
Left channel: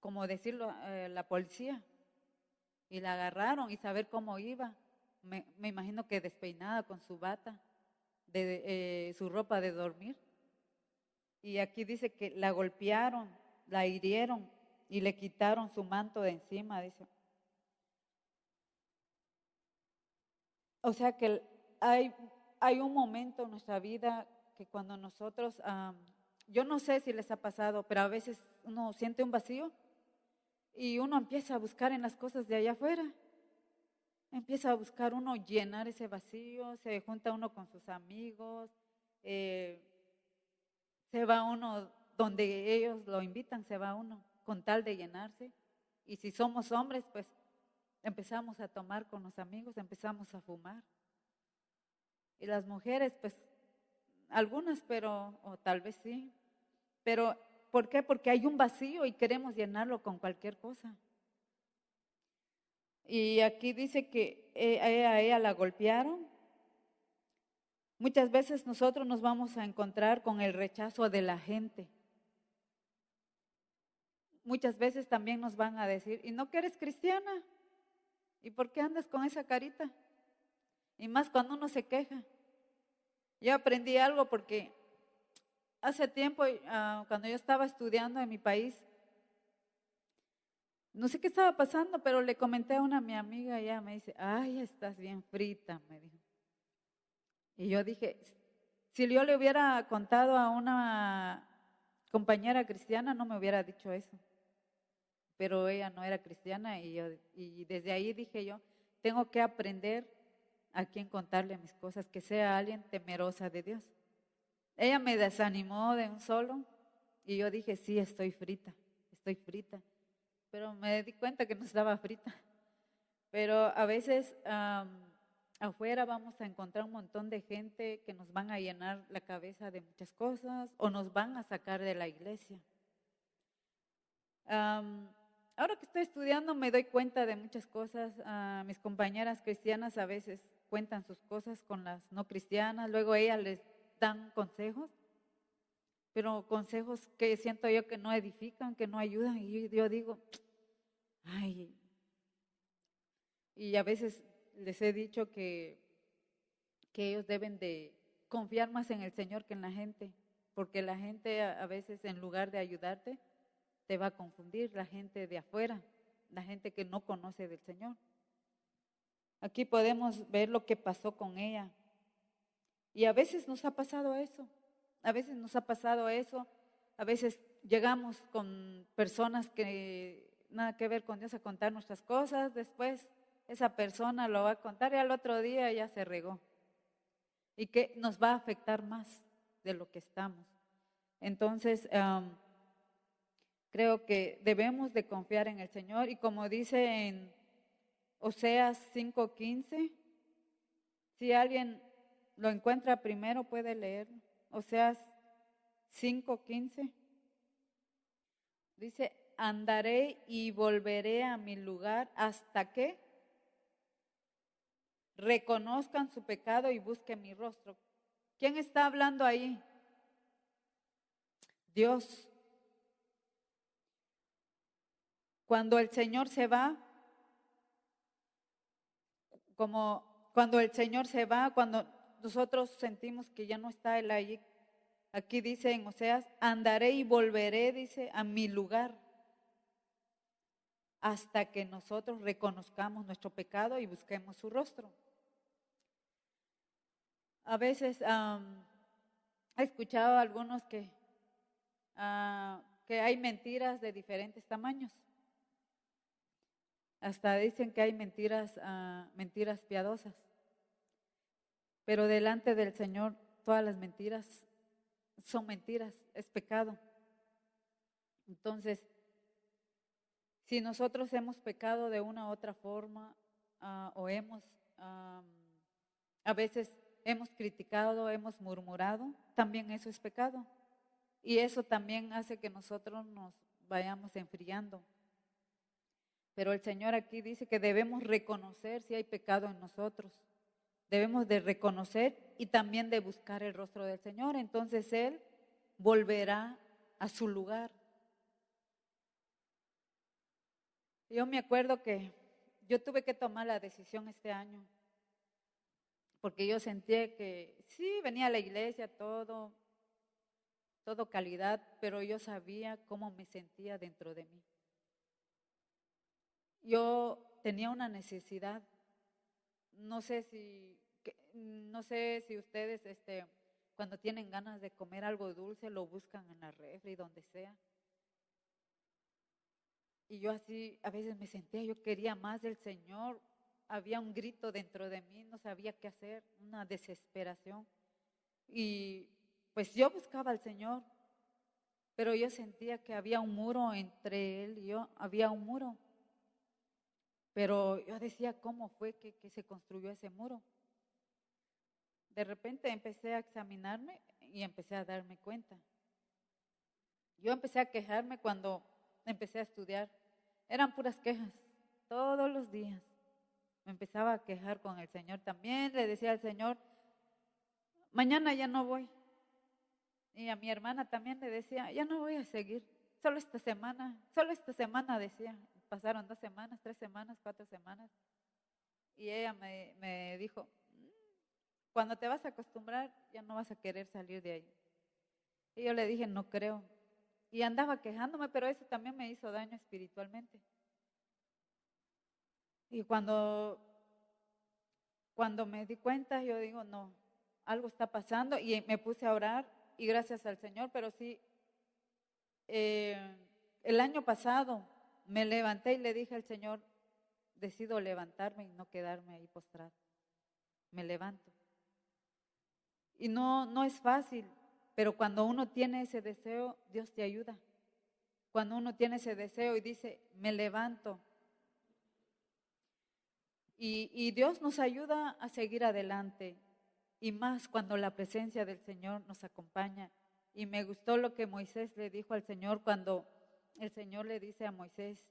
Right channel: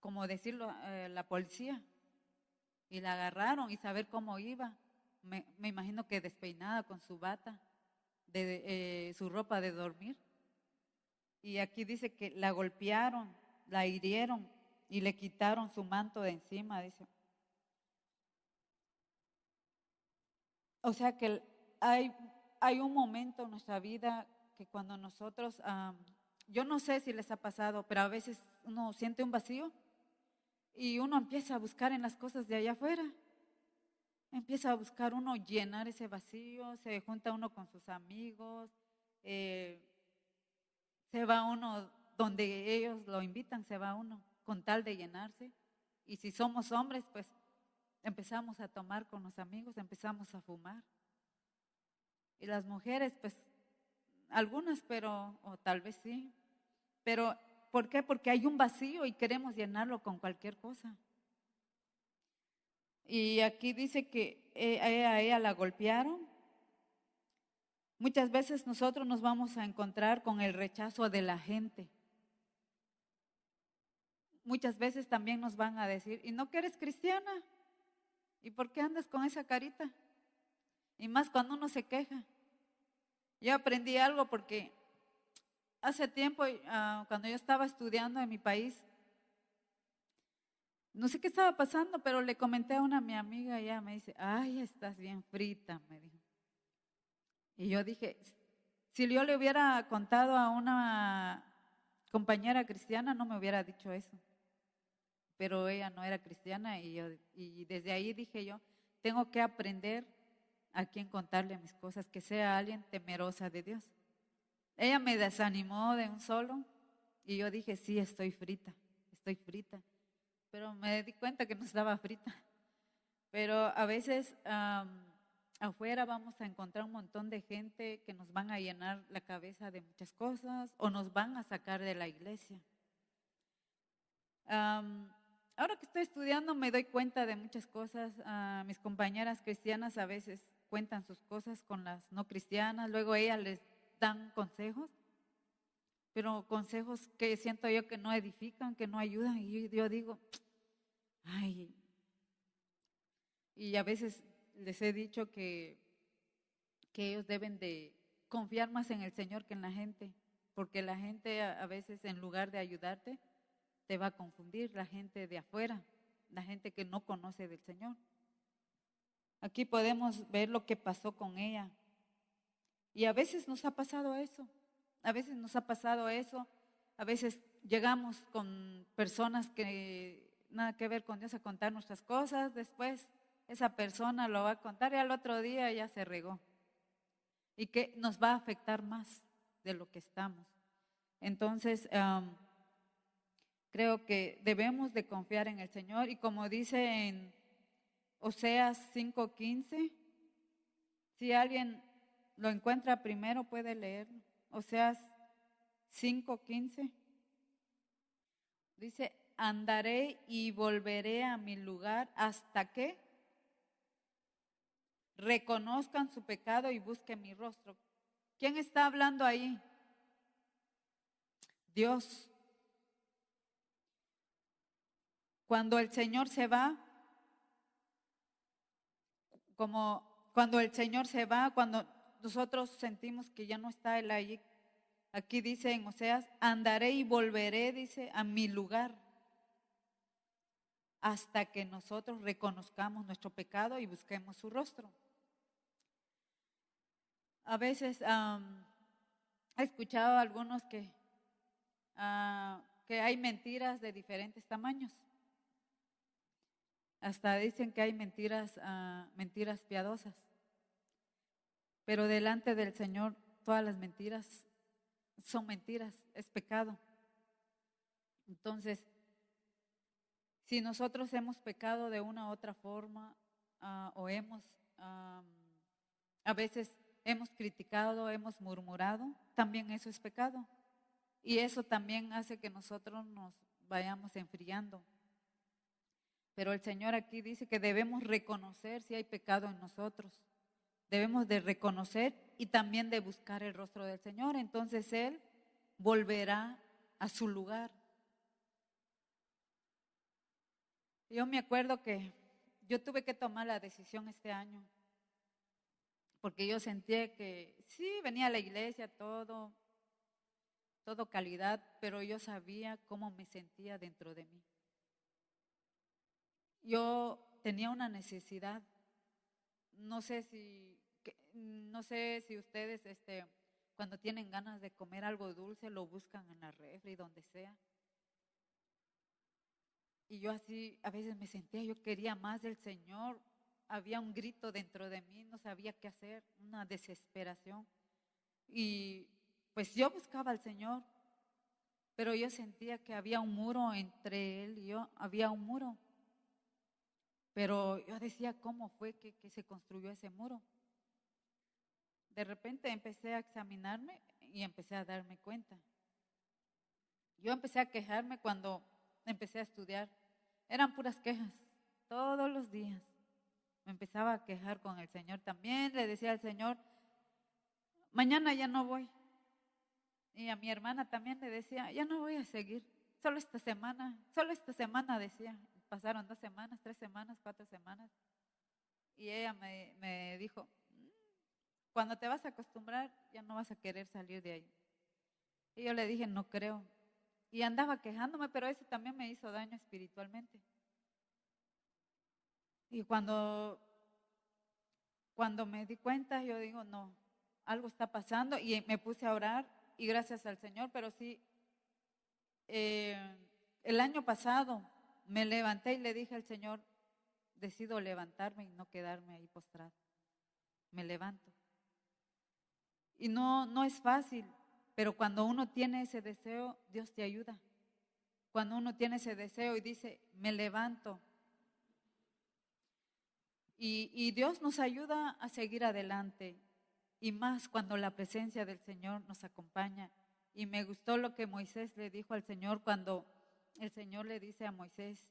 como decirlo, la policía, y la agarraron y saber cómo iba. Me imagino que despeinada con su bata, su ropa de dormir. Y aquí dice que la golpearon, la hirieron y le quitaron su manto de encima, dice. O sea que hay un momento en nuestra vida que cuando nosotros, yo no sé si les ha pasado, pero a veces uno siente un vacío y uno empieza a buscar en las cosas de allá afuera. Empieza a buscar uno llenar ese vacío, se junta uno con sus amigos, eh, se va uno donde ellos lo invitan, se va uno con tal de llenarse. Y si somos hombres, pues empezamos a tomar con los amigos, empezamos a fumar. Y las mujeres, pues algunas, pero, o tal vez sí. Pero, ¿por qué? Porque hay un vacío y queremos llenarlo con cualquier cosa. Y aquí dice que a ella la golpearon. Muchas veces nosotros nos vamos a encontrar con el rechazo de la gente. Muchas veces también nos van a decir, ¿y no que eres cristiana? ¿Y por qué andas con esa carita? Y más cuando uno se queja. Yo aprendí algo porque hace tiempo, cuando yo estaba estudiando en mi país, No sé qué estaba pasando, pero le comenté a una mi amiga y ella me dice, ay, estás bien frita, me dijo. Y yo dije, si yo le hubiera contado a una compañera cristiana, no me hubiera dicho eso. Pero ella no era cristiana y desde ahí dije yo, tengo que aprender a quién contarle mis cosas, que sea alguien temerosa de Dios. Ella me desanimó de un solo y yo dije, sí, estoy frita. Pero me di cuenta que no estaba frita. Pero a veces afuera vamos a encontrar un montón de gente que nos van a llenar la cabeza de muchas cosas o nos van a sacar de la iglesia. Ahora que estoy estudiando me doy cuenta de muchas cosas. Mis compañeras cristianas a veces cuentan sus cosas con las no cristianas, luego ellas les dan consejos, pero consejos que siento yo que no edifican, que no ayudan. Y yo digo, ay, y a veces les he dicho que ellos deben de confiar más en el Señor que en la gente, porque la gente a veces en lugar de ayudarte, te va a confundir, la gente de afuera, la gente que no conoce del Señor. Aquí podemos ver lo que pasó con ella. Y a veces nos ha pasado eso, a veces nos ha pasado eso, a veces llegamos con personas que nada que ver con Dios a contar nuestras cosas, después esa persona lo va a contar y al otro día ya se regó. Y que nos va a afectar más de lo que estamos. Entonces, creo que debemos de confiar en el Señor y como dice en Oseas 5:15, si alguien lo encuentra primero puede leerlo. Oseas 5:15 dice, andaré y volveré a mi lugar hasta que reconozcan su pecado y busquen mi rostro. ¿Quién está hablando ahí? Dios. Cuando el Señor se va, como cuando el Señor se va, cuando nosotros sentimos que ya no está Él allí, aquí dice en Oseas, andaré y volveré, dice, a mi lugar, hasta que nosotros reconozcamos nuestro pecado y busquemos su rostro. A veces he escuchado a algunos que hay mentiras de diferentes tamaños. Hasta dicen que hay mentiras piadosas. Pero delante del Señor todas las mentiras son mentiras, es pecado. Entonces, si nosotros hemos pecado de una u otra forma o a veces hemos criticado, hemos murmurado, también eso es pecado. Y eso también hace que nosotros nos vayamos enfriando. Pero el Señor aquí dice que debemos reconocer si hay pecado en nosotros. Debemos de reconocer y también de buscar el rostro del Señor. Entonces Él volverá a su lugar. Yo me acuerdo que yo tuve que tomar la decisión este año, porque yo sentía que sí, venía a la iglesia, todo calidad, pero yo sabía cómo me sentía dentro de mí. Yo tenía una necesidad, no sé si ustedes, cuando tienen ganas de comer algo dulce, lo buscan en la refri, donde sea. Y yo así, a veces me sentía, yo quería más del Señor. Había un grito dentro de mí, no sabía qué hacer, una desesperación. Y pues yo buscaba al Señor, pero yo sentía que había un muro entre Él y yo, había un muro. Pero yo decía, ¿cómo fue que se construyó ese muro? De repente empecé a examinarme y empecé a darme cuenta. Yo empecé a quejarme cuando empecé a estudiar. Eran puras quejas, todos los días. Me empezaba a quejar con el Señor también. Le decía al Señor, mañana ya no voy. Y a mi hermana también le decía, ya no voy a seguir. Solo esta semana decía. Pasaron 2 semanas, 3 semanas, 4 semanas. Y ella me dijo, cuando te vas a acostumbrar, ya no vas a querer salir de ahí. Y yo le dije, no creo. Y andaba quejándome, pero eso también me hizo daño espiritualmente. Y cuando me di cuenta, yo digo, no, algo está pasando y me puse a orar y gracias al Señor, pero sí, eh, el año pasado me levanté y le dije al Señor, decido levantarme y no quedarme ahí postrado. Me levanto. Y no es fácil, pero cuando uno tiene ese deseo, Dios te ayuda. Cuando uno tiene ese deseo y dice, me levanto. Y Dios nos ayuda a seguir adelante. Y más cuando la presencia del Señor nos acompaña. Y me gustó lo que Moisés le dijo al Señor cuando el Señor le dice a Moisés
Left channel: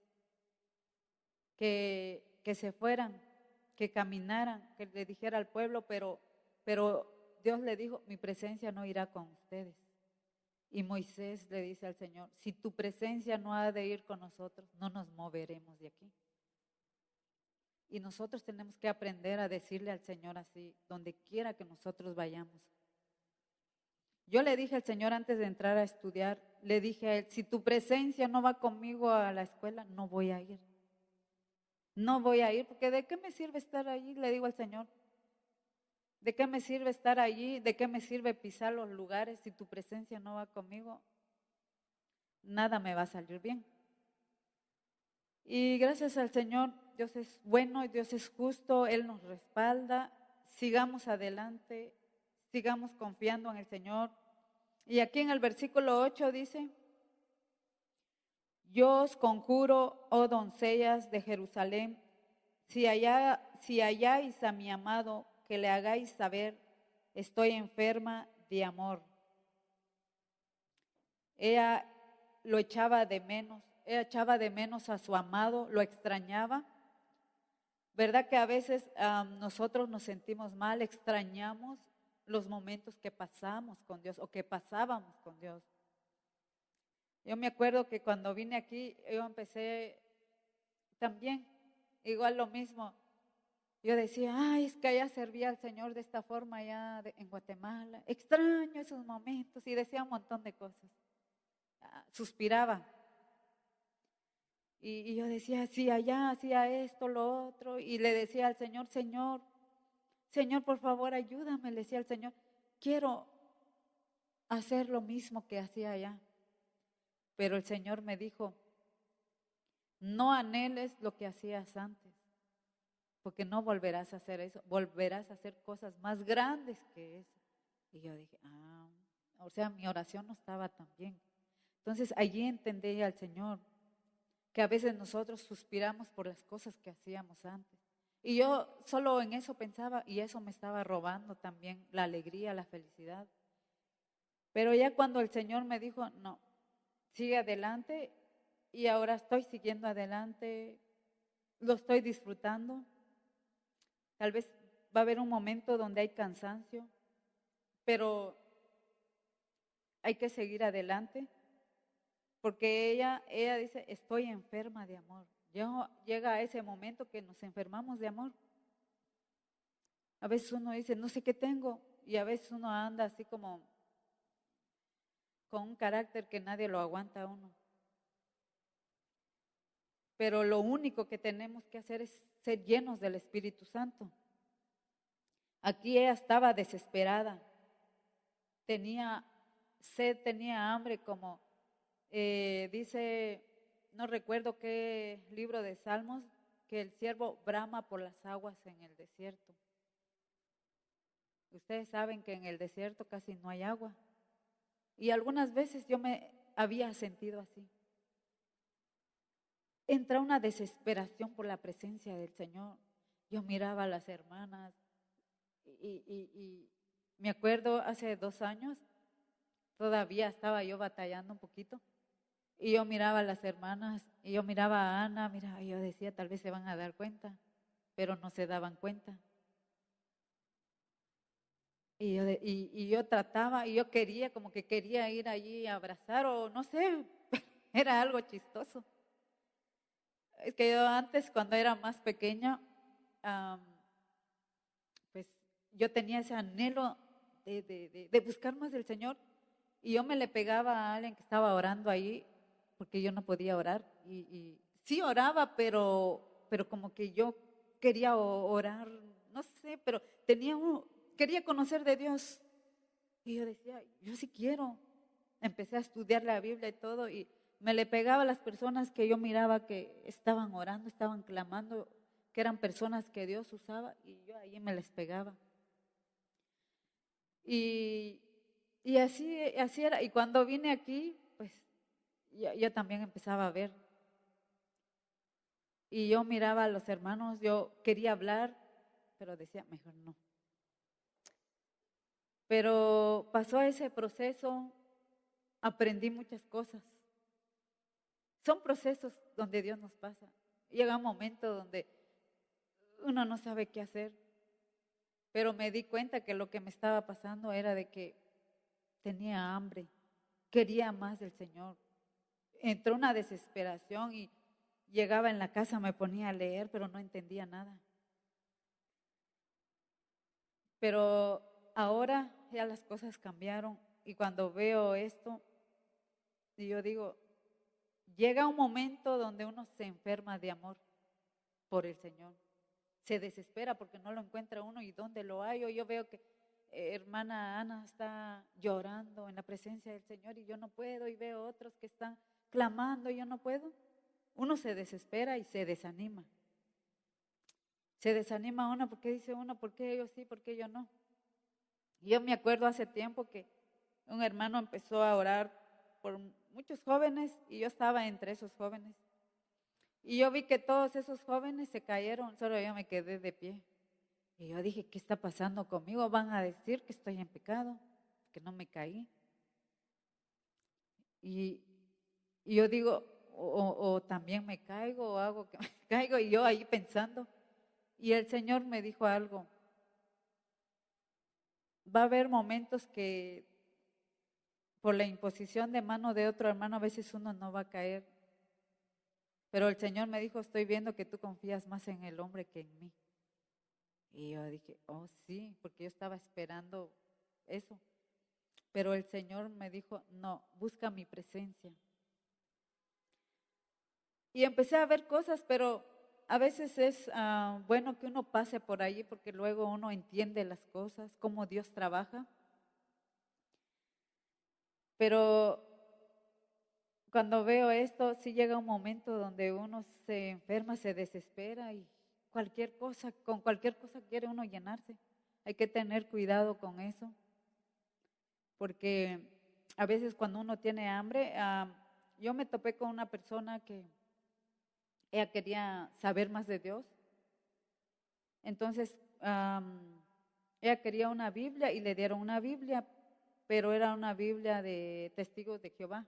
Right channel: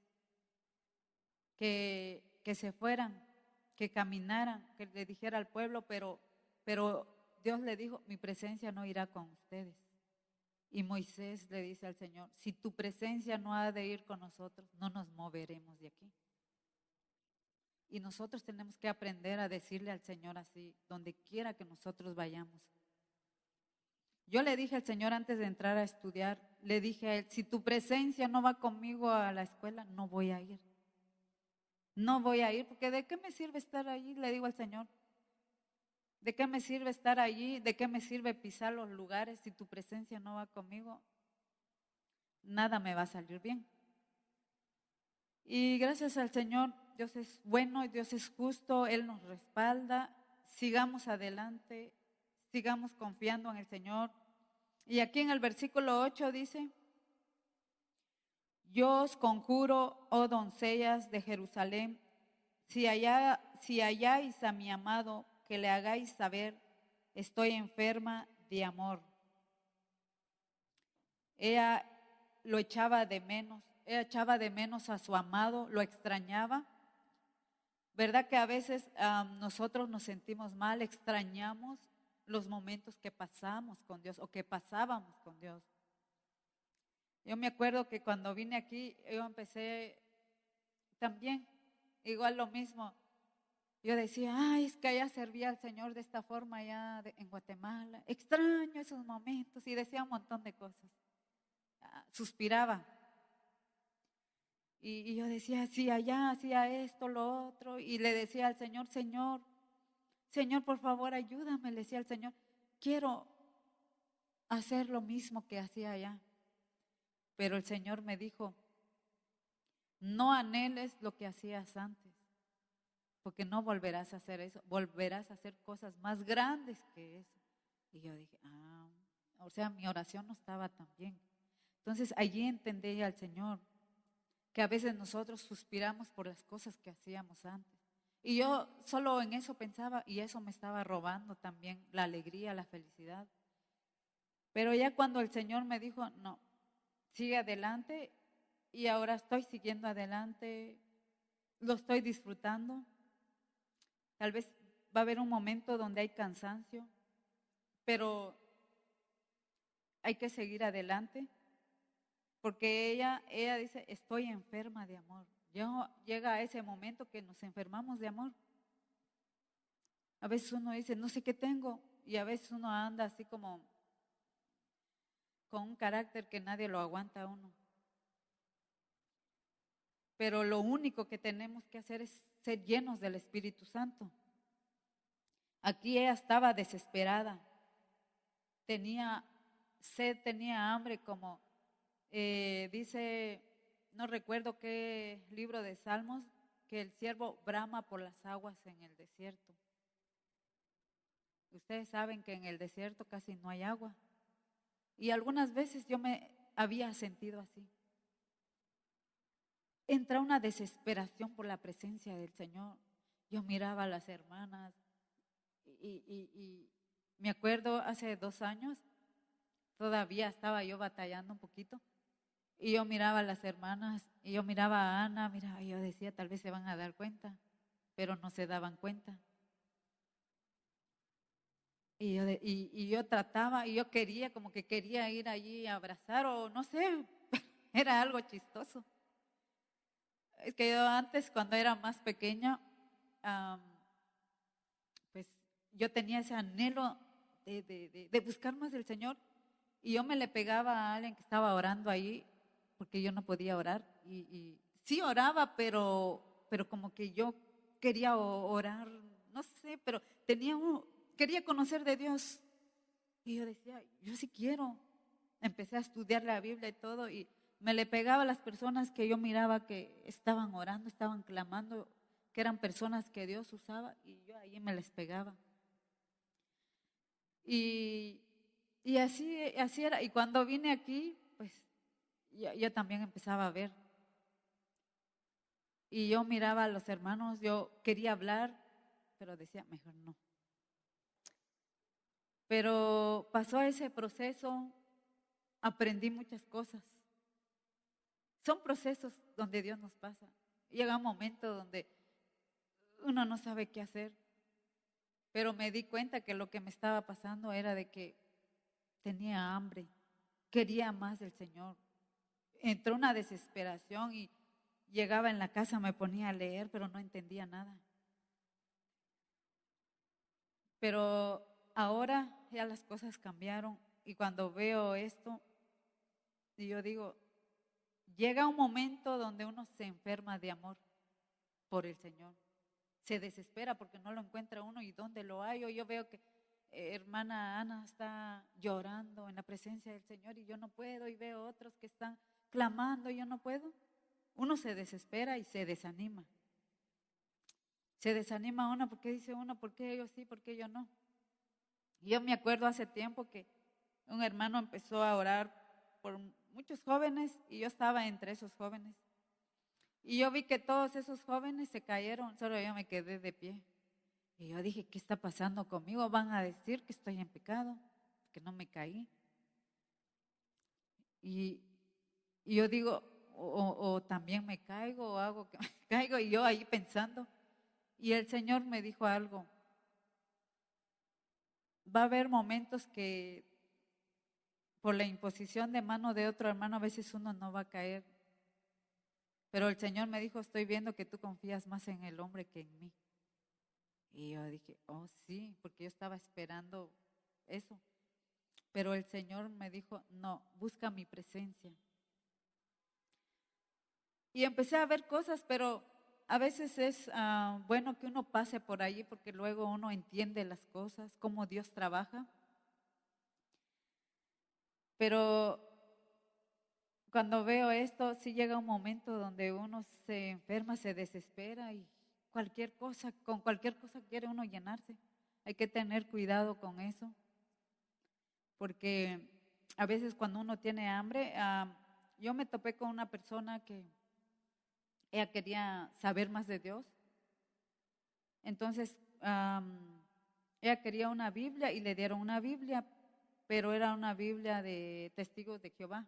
que se fueran, que caminaran, que le dijera al pueblo, pero Dios le dijo, mi presencia no irá con ustedes. Y Moisés le dice al Señor, si tu presencia no ha de ir con nosotros, no nos moveremos de aquí. Y nosotros tenemos que aprender a decirle al Señor así, donde quiera que nosotros vayamos. Yo le dije al Señor antes de entrar a estudiar, le dije a Él, si tu presencia no va conmigo a la escuela, no voy a ir. No voy a ir, porque ¿de qué me sirve estar allí? Le digo al Señor, ¿de qué me sirve estar allí? ¿De qué me sirve pisar los lugares si tu presencia no va conmigo? Nada me va a salir bien. Y gracias al Señor, Dios es bueno, Dios es justo, Él nos respalda. Sigamos adelante, sigamos confiando en el Señor. Y aquí en el versículo 8 dice, yo os conjuro, oh doncellas de Jerusalén, si halláis a mi amado, que le hagáis saber, estoy enferma de amor. Ella lo echaba de menos, ella echaba de menos a su amado, lo extrañaba. ¿Verdad que a veces nosotros nos sentimos mal, extrañamos los momentos que pasamos con Dios o que pasábamos con Dios? Yo me acuerdo que cuando vine aquí, yo empecé también, igual lo mismo. Yo decía, ay, es que allá servía al Señor de esta forma allá en Guatemala. Extraño esos momentos y decía un montón de cosas. Suspiraba. Y yo decía, sí, allá hacía esto, lo otro. Y le decía al Señor, Señor, por favor, ayúdame, le decía al Señor. Quiero hacer lo mismo que hacía allá. Pero el Señor me dijo, no anheles lo que hacías antes, porque no volverás a hacer eso, volverás a hacer cosas más grandes que eso. Y yo dije, o sea, mi oración no estaba tan bien. Entonces allí entendí al Señor que a veces nosotros suspiramos por las cosas que hacíamos antes. Y yo solo en eso pensaba y eso me estaba robando también la alegría, la felicidad. Pero ya cuando el Señor me dijo, no, sigue adelante, y ahora estoy siguiendo adelante, lo estoy disfrutando. Tal vez va a haber un momento donde hay cansancio, pero hay que seguir adelante, porque ella dice, estoy enferma de amor. Llega a ese momento que nos enfermamos de amor. A veces uno dice, no sé qué tengo, y a veces uno anda así como con un carácter que nadie lo aguanta a uno. Pero lo único que tenemos que hacer es ser llenos del Espíritu Santo. Aquí ella estaba desesperada, tenía sed, tenía hambre, como dice, no recuerdo qué libro de Salmos, que el siervo brama por las aguas en el desierto. Ustedes saben que en el desierto casi no hay agua. Y algunas veces yo me había sentido así. Entra una desesperación por la presencia del Señor. Yo miraba a las hermanas y me acuerdo hace 2 años, todavía estaba yo batallando un poquito. Y yo miraba a las hermanas, y yo miraba a Ana, y yo decía, tal vez se van a dar cuenta, pero no se daban cuenta. Y yo trataba, y yo quería, como que quería ir allí a abrazar, o no sé, era algo chistoso. Es que yo antes, cuando era más pequeña, pues yo tenía ese anhelo de buscar más del Señor, y yo me le pegaba a alguien que estaba orando ahí, porque yo no podía orar, y sí oraba, pero como que yo quería orar, no sé, pero quería conocer de Dios. Y yo decía, yo sí quiero. Empecé a estudiar la Biblia y todo, y me le pegaba a las personas que yo miraba que estaban orando, estaban clamando, que eran personas que Dios usaba, y yo ahí me les pegaba. Y, y así era. Y cuando vine aquí, pues yo también empezaba a ver. Y yo miraba a los hermanos, yo quería hablar, pero decía, mejor no. Pero pasó ese proceso, aprendí muchas cosas. Son procesos donde Dios nos pasa. Llega un momento donde uno no sabe qué hacer, pero me di cuenta que lo que me estaba pasando era de que tenía hambre, quería más del Señor. Entró una desesperación y llegaba en la casa, me ponía a leer, pero no entendía nada. Pero ahora ya las cosas cambiaron y cuando veo esto, y yo digo, llega un momento donde uno se enferma de amor por el Señor. Se desespera porque no lo encuentra uno y dónde lo hay. O yo veo que hermana Ana está llorando en la presencia del Señor y yo no puedo, y veo otros que están clamando y yo no puedo. Uno se desespera y se desanima. Se desanima uno porque dice uno, ¿por qué ellos sí, por qué yo no? Y yo me acuerdo hace tiempo que un hermano empezó a orar por muchos jóvenes y yo estaba entre esos jóvenes. Y yo vi que todos esos jóvenes se cayeron, solo yo me quedé de pie. Y yo dije, ¿qué está pasando conmigo? Van a decir que estoy en pecado, que no me caí. Y, y yo digo, o también me caigo o hago que me caigo, y yo ahí pensando. Y el Señor me dijo algo, va a haber momentos que por la imposición de mano de otro hermano a veces uno no va a caer. Pero el Señor me dijo, estoy viendo que tú confías más en el hombre que en mí. Y yo dije, oh sí, porque yo estaba esperando eso. Pero el Señor me dijo, no, busca mi presencia. Y empecé a ver cosas, pero a veces es bueno que uno pase por ahí porque luego uno entiende las cosas, cómo Dios trabaja. Pero cuando veo esto, sí llega un momento donde uno se enferma, se desespera y con cualquier cosa quiere uno llenarse. Hay que tener cuidado con eso, porque a veces cuando uno tiene hambre, yo me topé con una persona que ella quería saber más de Dios. Entonces, ella quería una Biblia y le dieron una Biblia, pero era una Biblia de Testigos de Jehová.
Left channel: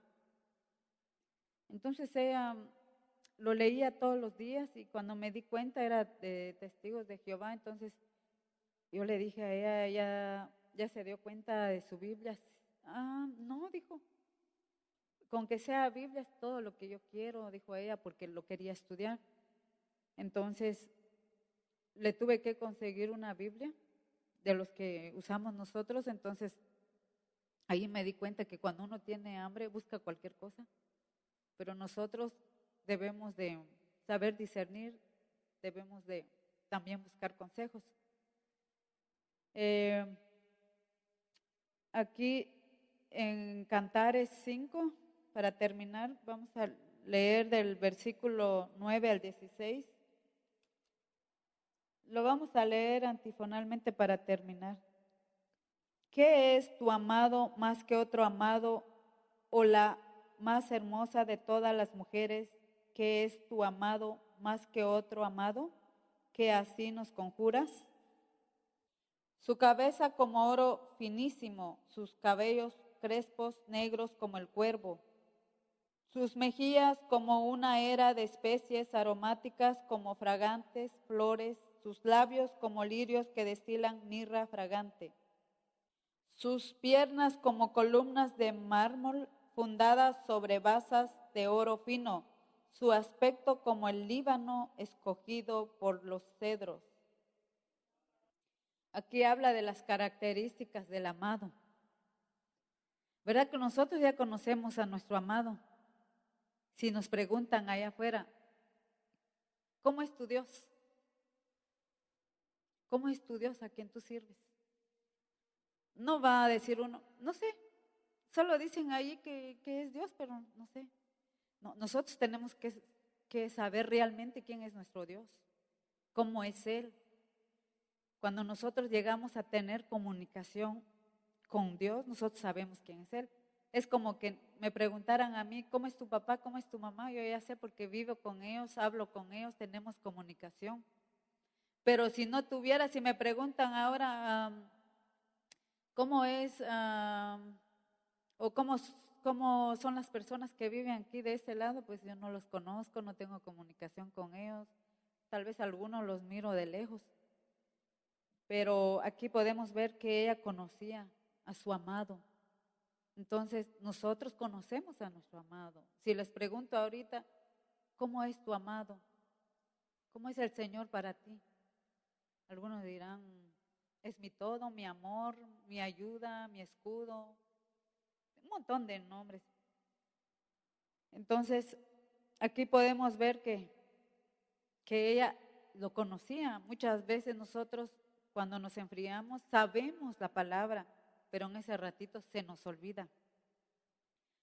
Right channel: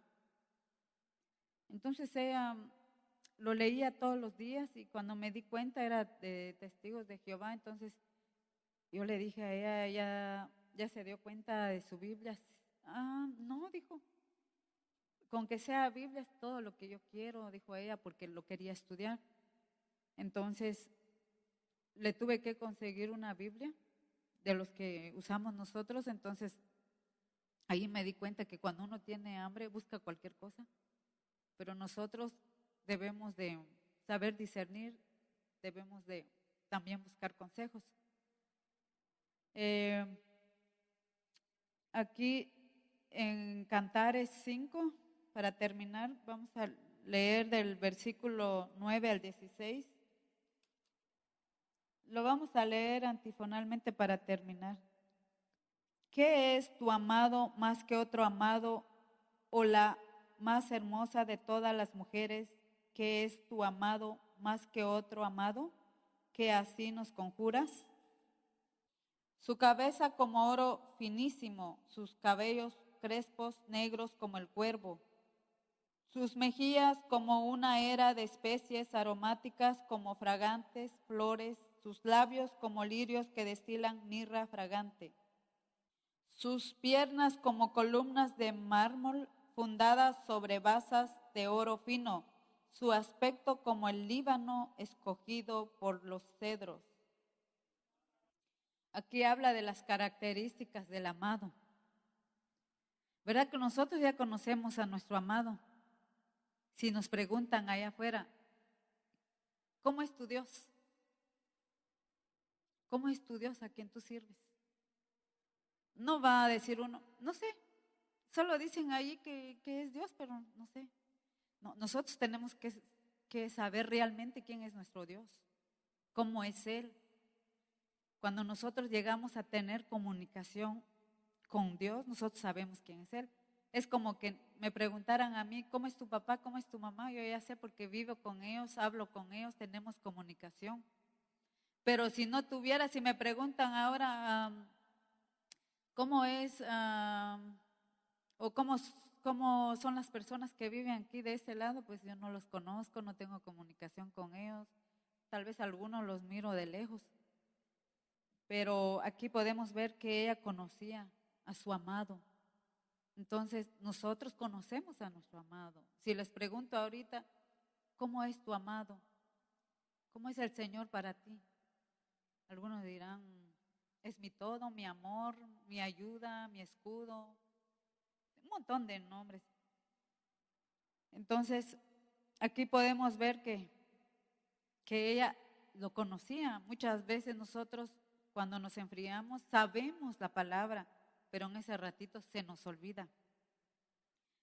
Entonces ella lo leía todos los días y cuando me di cuenta era de Testigos de Jehová. Entonces yo le dije a ella, ya se dio cuenta de su Biblia. No, dijo, con que sea Biblia es todo lo que yo quiero, dijo ella, porque lo quería estudiar. Entonces le tuve que conseguir una Biblia de los que usamos nosotros. Entonces ahí me di cuenta que cuando uno tiene hambre busca cualquier cosa, pero nosotros debemos de saber discernir, debemos de también buscar consejos. Eh, Aquí en Cantares 5, para terminar, vamos a leer del versículo 9 al 16. Lo vamos a leer antifonalmente para terminar. ¿Qué es tu amado más que otro amado, o la más hermosa de todas las mujeres? ¿Qué es tu amado más que otro amado? ¿Que así nos conjuras? Su cabeza como oro finísimo, sus cabellos crespos negros como el cuervo, sus mejillas como una era de especies aromáticas como fragantes flores, sus labios como lirios que destilan mirra fragante, sus piernas como columnas de mármol fundadas sobre basas de oro fino, su aspecto como el Líbano escogido por los cedros. Aquí habla de las características del amado. ¿Verdad que nosotros ya conocemos a nuestro amado? Si nos preguntan allá afuera, ¿cómo es tu Dios? ¿Cómo es tu Dios a quien tú sirves? No va a decir uno, no sé, solo dicen ahí que es Dios, pero no sé. No, nosotros tenemos que saber realmente quién es nuestro Dios, cómo es Él. Cuando nosotros llegamos a tener comunicación con Dios, nosotros sabemos quién es Él. Es como que me preguntaran a mí, ¿cómo es tu papá? ¿Cómo es tu mamá? Yo ya sé porque vivo con ellos, hablo con ellos, tenemos comunicación. Pero si no tuviera, si me preguntan ahora, ¿cómo es o cómo son las personas que viven aquí de este lado? Pues yo no los conozco, no tengo comunicación con ellos. Tal vez algunos los miro de lejos. Pero aquí podemos ver que ella conocía a su amado. Entonces, nosotros conocemos a nuestro amado. Si les pregunto ahorita, ¿cómo es tu amado? ¿Cómo es el Señor para ti? Algunos dirán, es mi todo, mi amor, mi ayuda, mi escudo, un montón de nombres. Entonces, aquí podemos ver que ella lo conocía. Muchas veces nosotros, cuando nos enfriamos, sabemos la palabra, pero en ese ratito se nos olvida.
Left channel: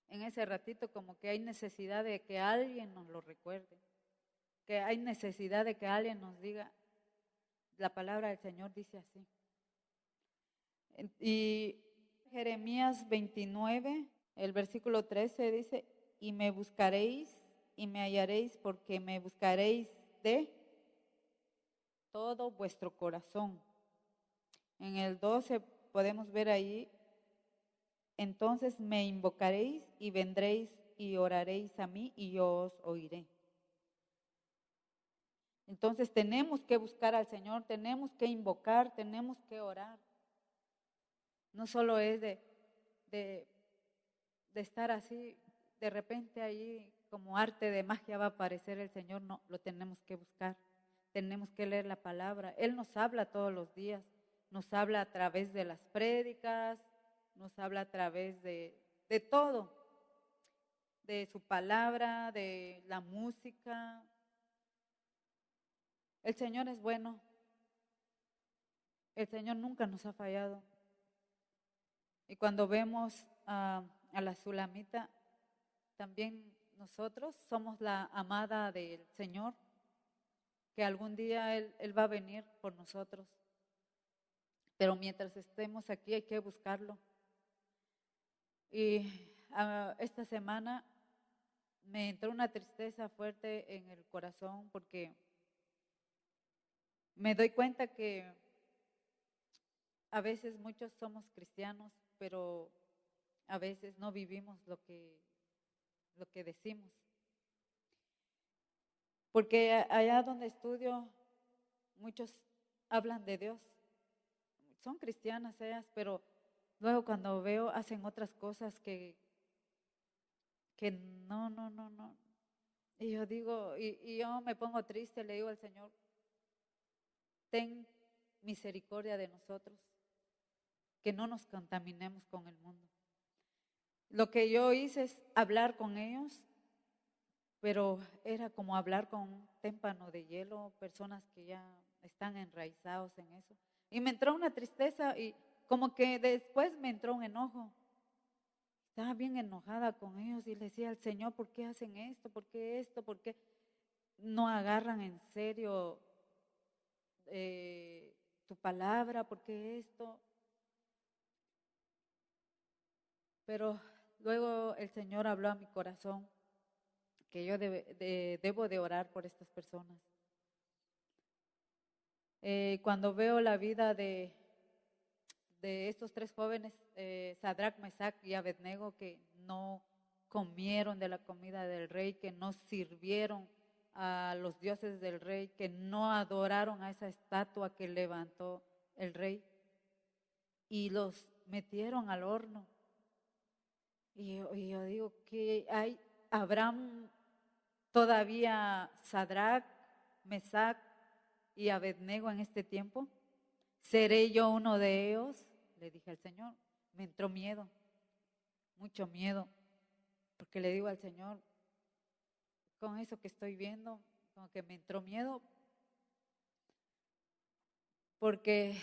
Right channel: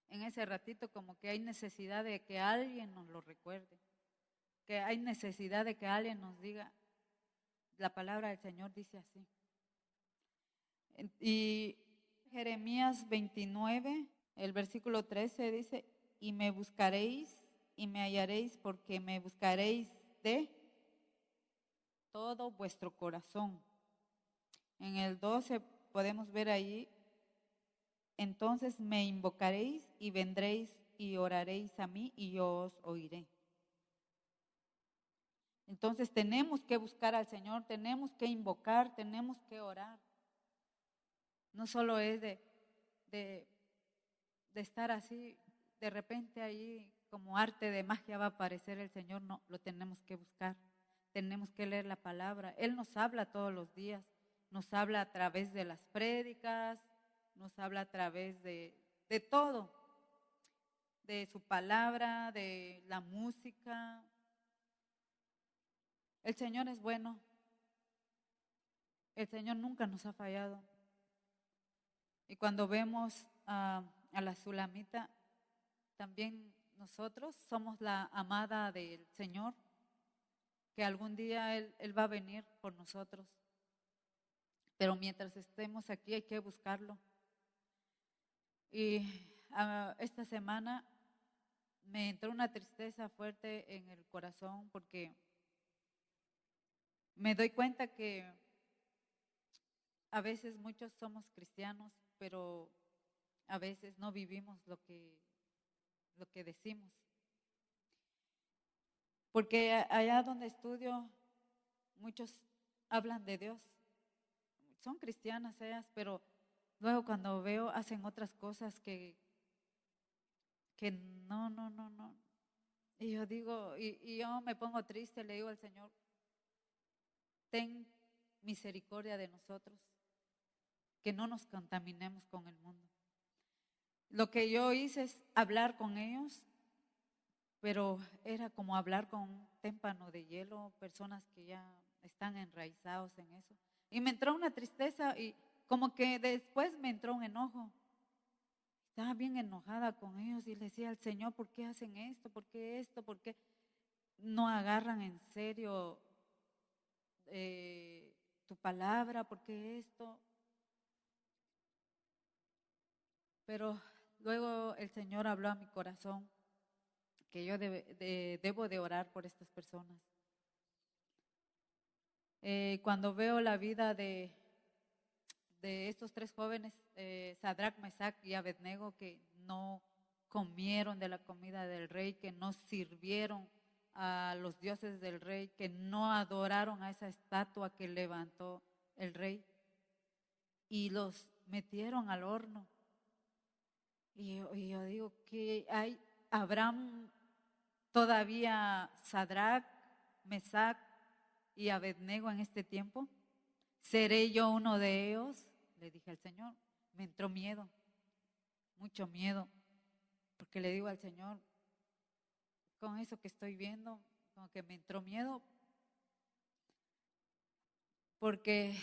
En ese ratito como que hay necesidad de que alguien nos lo recuerde, que hay necesidad de que alguien nos diga, la palabra del Señor dice así. Y Jeremías 29, el versículo 13 dice, y me buscaréis y me hallaréis porque me buscaréis de todo vuestro corazón. En el 12 podemos ver ahí, entonces me invocaréis y vendréis y oraréis a mí y yo os oiré. Entonces tenemos que buscar al Señor, tenemos que invocar, tenemos que orar. No solo es de, de estar así, de repente ahí como arte de magia va a aparecer el Señor, no, lo tenemos que buscar, tenemos que leer la palabra. Él nos habla todos los días, nos habla a través de las prédicas, nos habla a través de todo, de su palabra, de la música. El Señor es bueno, el Señor nunca nos ha fallado. Y cuando vemos a la Sulamita, también nosotros somos la amada del Señor, que algún día Él va a venir por nosotros. Pero mientras estemos aquí hay que buscarlo. Y esta semana me entró una tristeza fuerte en el corazón porque me doy cuenta que a veces muchos somos cristianos, pero a veces no vivimos lo que decimos. Porque allá donde estudio, muchos hablan de Dios. Son cristianas ellas, pero luego cuando veo hacen otras cosas que no, no, no, no. Y yo digo, y yo me pongo triste, le digo al Señor, ten misericordia de nosotros, que no nos contaminemos con el mundo. Lo que yo hice es hablar con ellos, pero era como hablar con un témpano de hielo, personas que ya están enraizados en eso. Y me entró una tristeza y como que después me entró un enojo. Estaba bien enojada con ellos y le decía al Señor, ¿por qué hacen esto? ¿Por qué esto? ¿Por qué no agarran en serio tu palabra? ¿Por qué esto? Pero luego el Señor habló a mi corazón que yo debo de orar por estas personas. Cuando veo la vida de estos tres jóvenes, Sadrach, Mesach y Abednego, que no comieron de la comida del rey, que no sirvieron a los dioses del rey, que no adoraron a esa estatua que levantó el rey y los metieron al horno. Y yo digo que habrán todavía Sadrach, Mesach y Abednego en este tiempo. ¿Seré yo uno de ellos? Le dije al Señor. Me entró miedo, mucho miedo, porque le digo al Señor, con eso que estoy viendo, como que me entró miedo, porque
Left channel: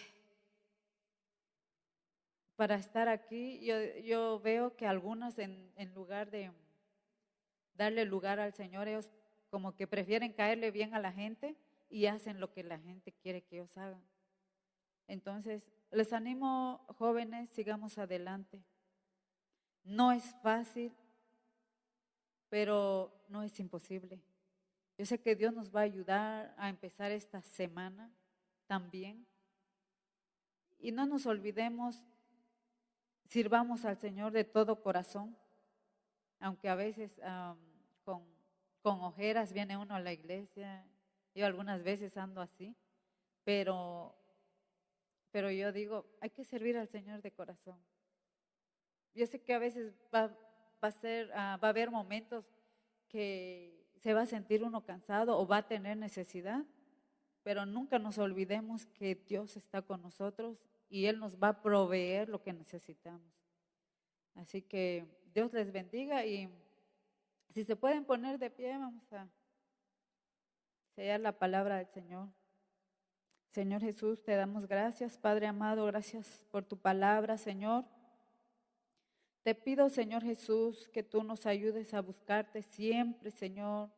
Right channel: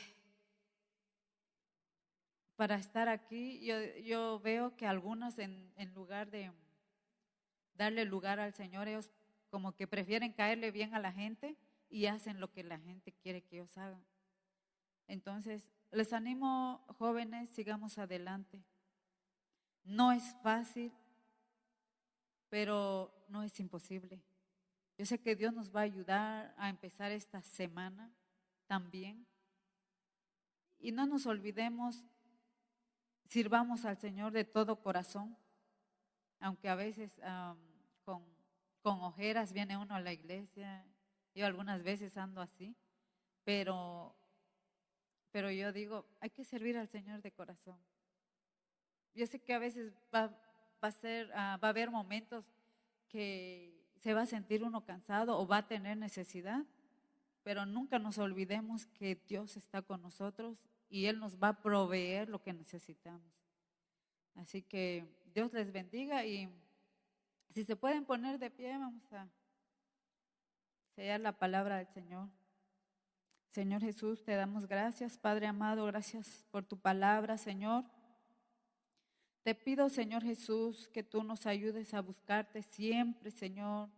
para estar aquí yo veo que algunos en lugar de darle lugar al Señor, ellos como que prefieren caerle bien a la gente y hacen lo que la gente quiere que ellos hagan. Entonces, les animo, jóvenes, sigamos adelante. No es fácil, pero no es imposible. Yo sé que Dios nos va a ayudar a empezar esta semana también. Y no nos olvidemos, sirvamos al Señor de todo corazón, aunque a veces con, con ojeras viene uno a la iglesia. Yo algunas veces ando así, pero yo digo, hay que servir al Señor de corazón. Yo sé que a veces va a haber momentos que se va a sentir uno cansado o va a tener necesidad, pero nunca nos olvidemos que Dios está con nosotros y Él nos va a proveer lo que necesitamos. Así que Dios les bendiga y si se pueden poner de pie, vamos a sellar la palabra del Señor. Señor Jesús, te damos gracias, Padre amado, gracias por tu palabra, Señor. Te pido, Señor Jesús, que tú nos ayudes a buscarte siempre, Señor.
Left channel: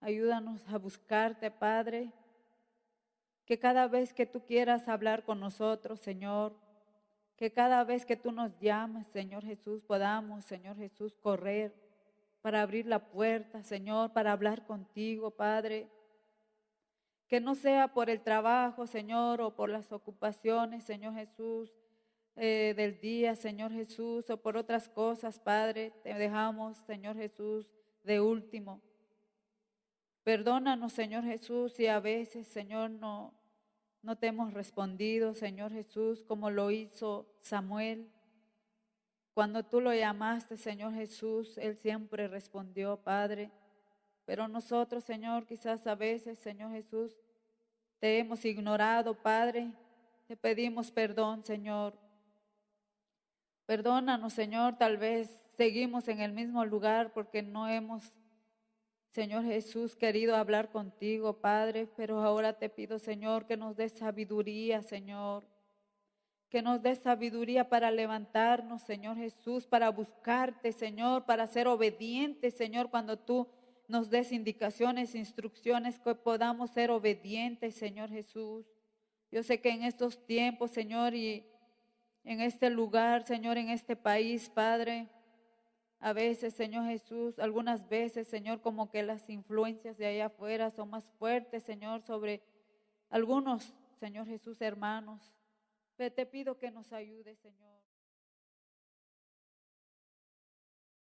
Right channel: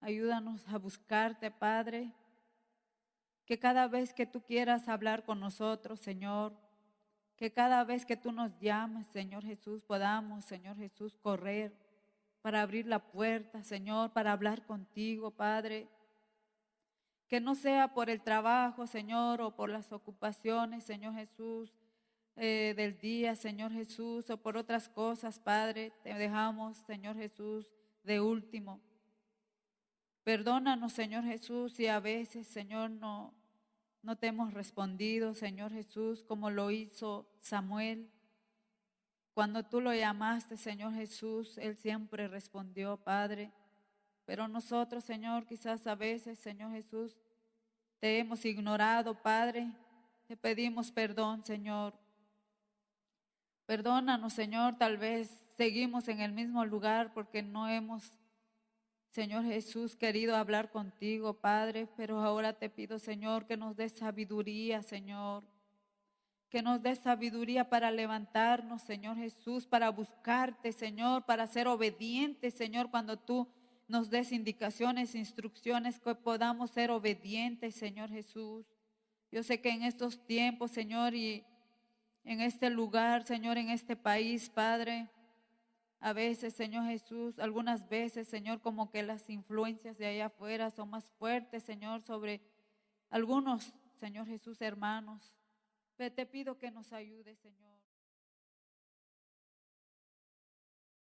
Ayúdanos a buscarte, Padre. Que cada vez que tú quieras hablar con nosotros, Señor, que cada vez que tú nos llames, Señor Jesús, podamos, Señor Jesús, correr para abrir la puerta, Señor, para hablar contigo, Padre. Que no sea por el trabajo, Señor, o por las ocupaciones, Señor Jesús, del día, Señor Jesús, o por otras cosas, Padre, te dejamos, Señor Jesús, de último. Perdónanos, Señor Jesús, si a veces, Señor, no te hemos respondido, Señor Jesús, como lo hizo Samuel. Cuando tú lo llamaste, Señor Jesús, él siempre respondió, Padre. Pero nosotros, Señor, quizás a veces, Señor Jesús, te hemos ignorado, Padre. Te pedimos perdón, Señor. Perdónanos, Señor, tal vez seguimos en el mismo lugar porque no hemos, Señor Jesús, querido hablar contigo, Padre, pero ahora te pido, Señor, que nos des sabiduría, Señor. Que nos des sabiduría para levantarnos, Señor Jesús, para buscarte, Señor, para ser obedientes, Señor, cuando tú nos des indicaciones, instrucciones, que podamos ser obedientes, Señor Jesús. Yo sé que en estos tiempos, Señor, y en este lugar, Señor, en este país, Padre, a veces, Señor Jesús, algunas veces, Señor, como que las influencias de allá afuera son más fuertes, Señor, sobre algunos, Señor Jesús, hermanos. Pero te pido que nos ayudes, Señor.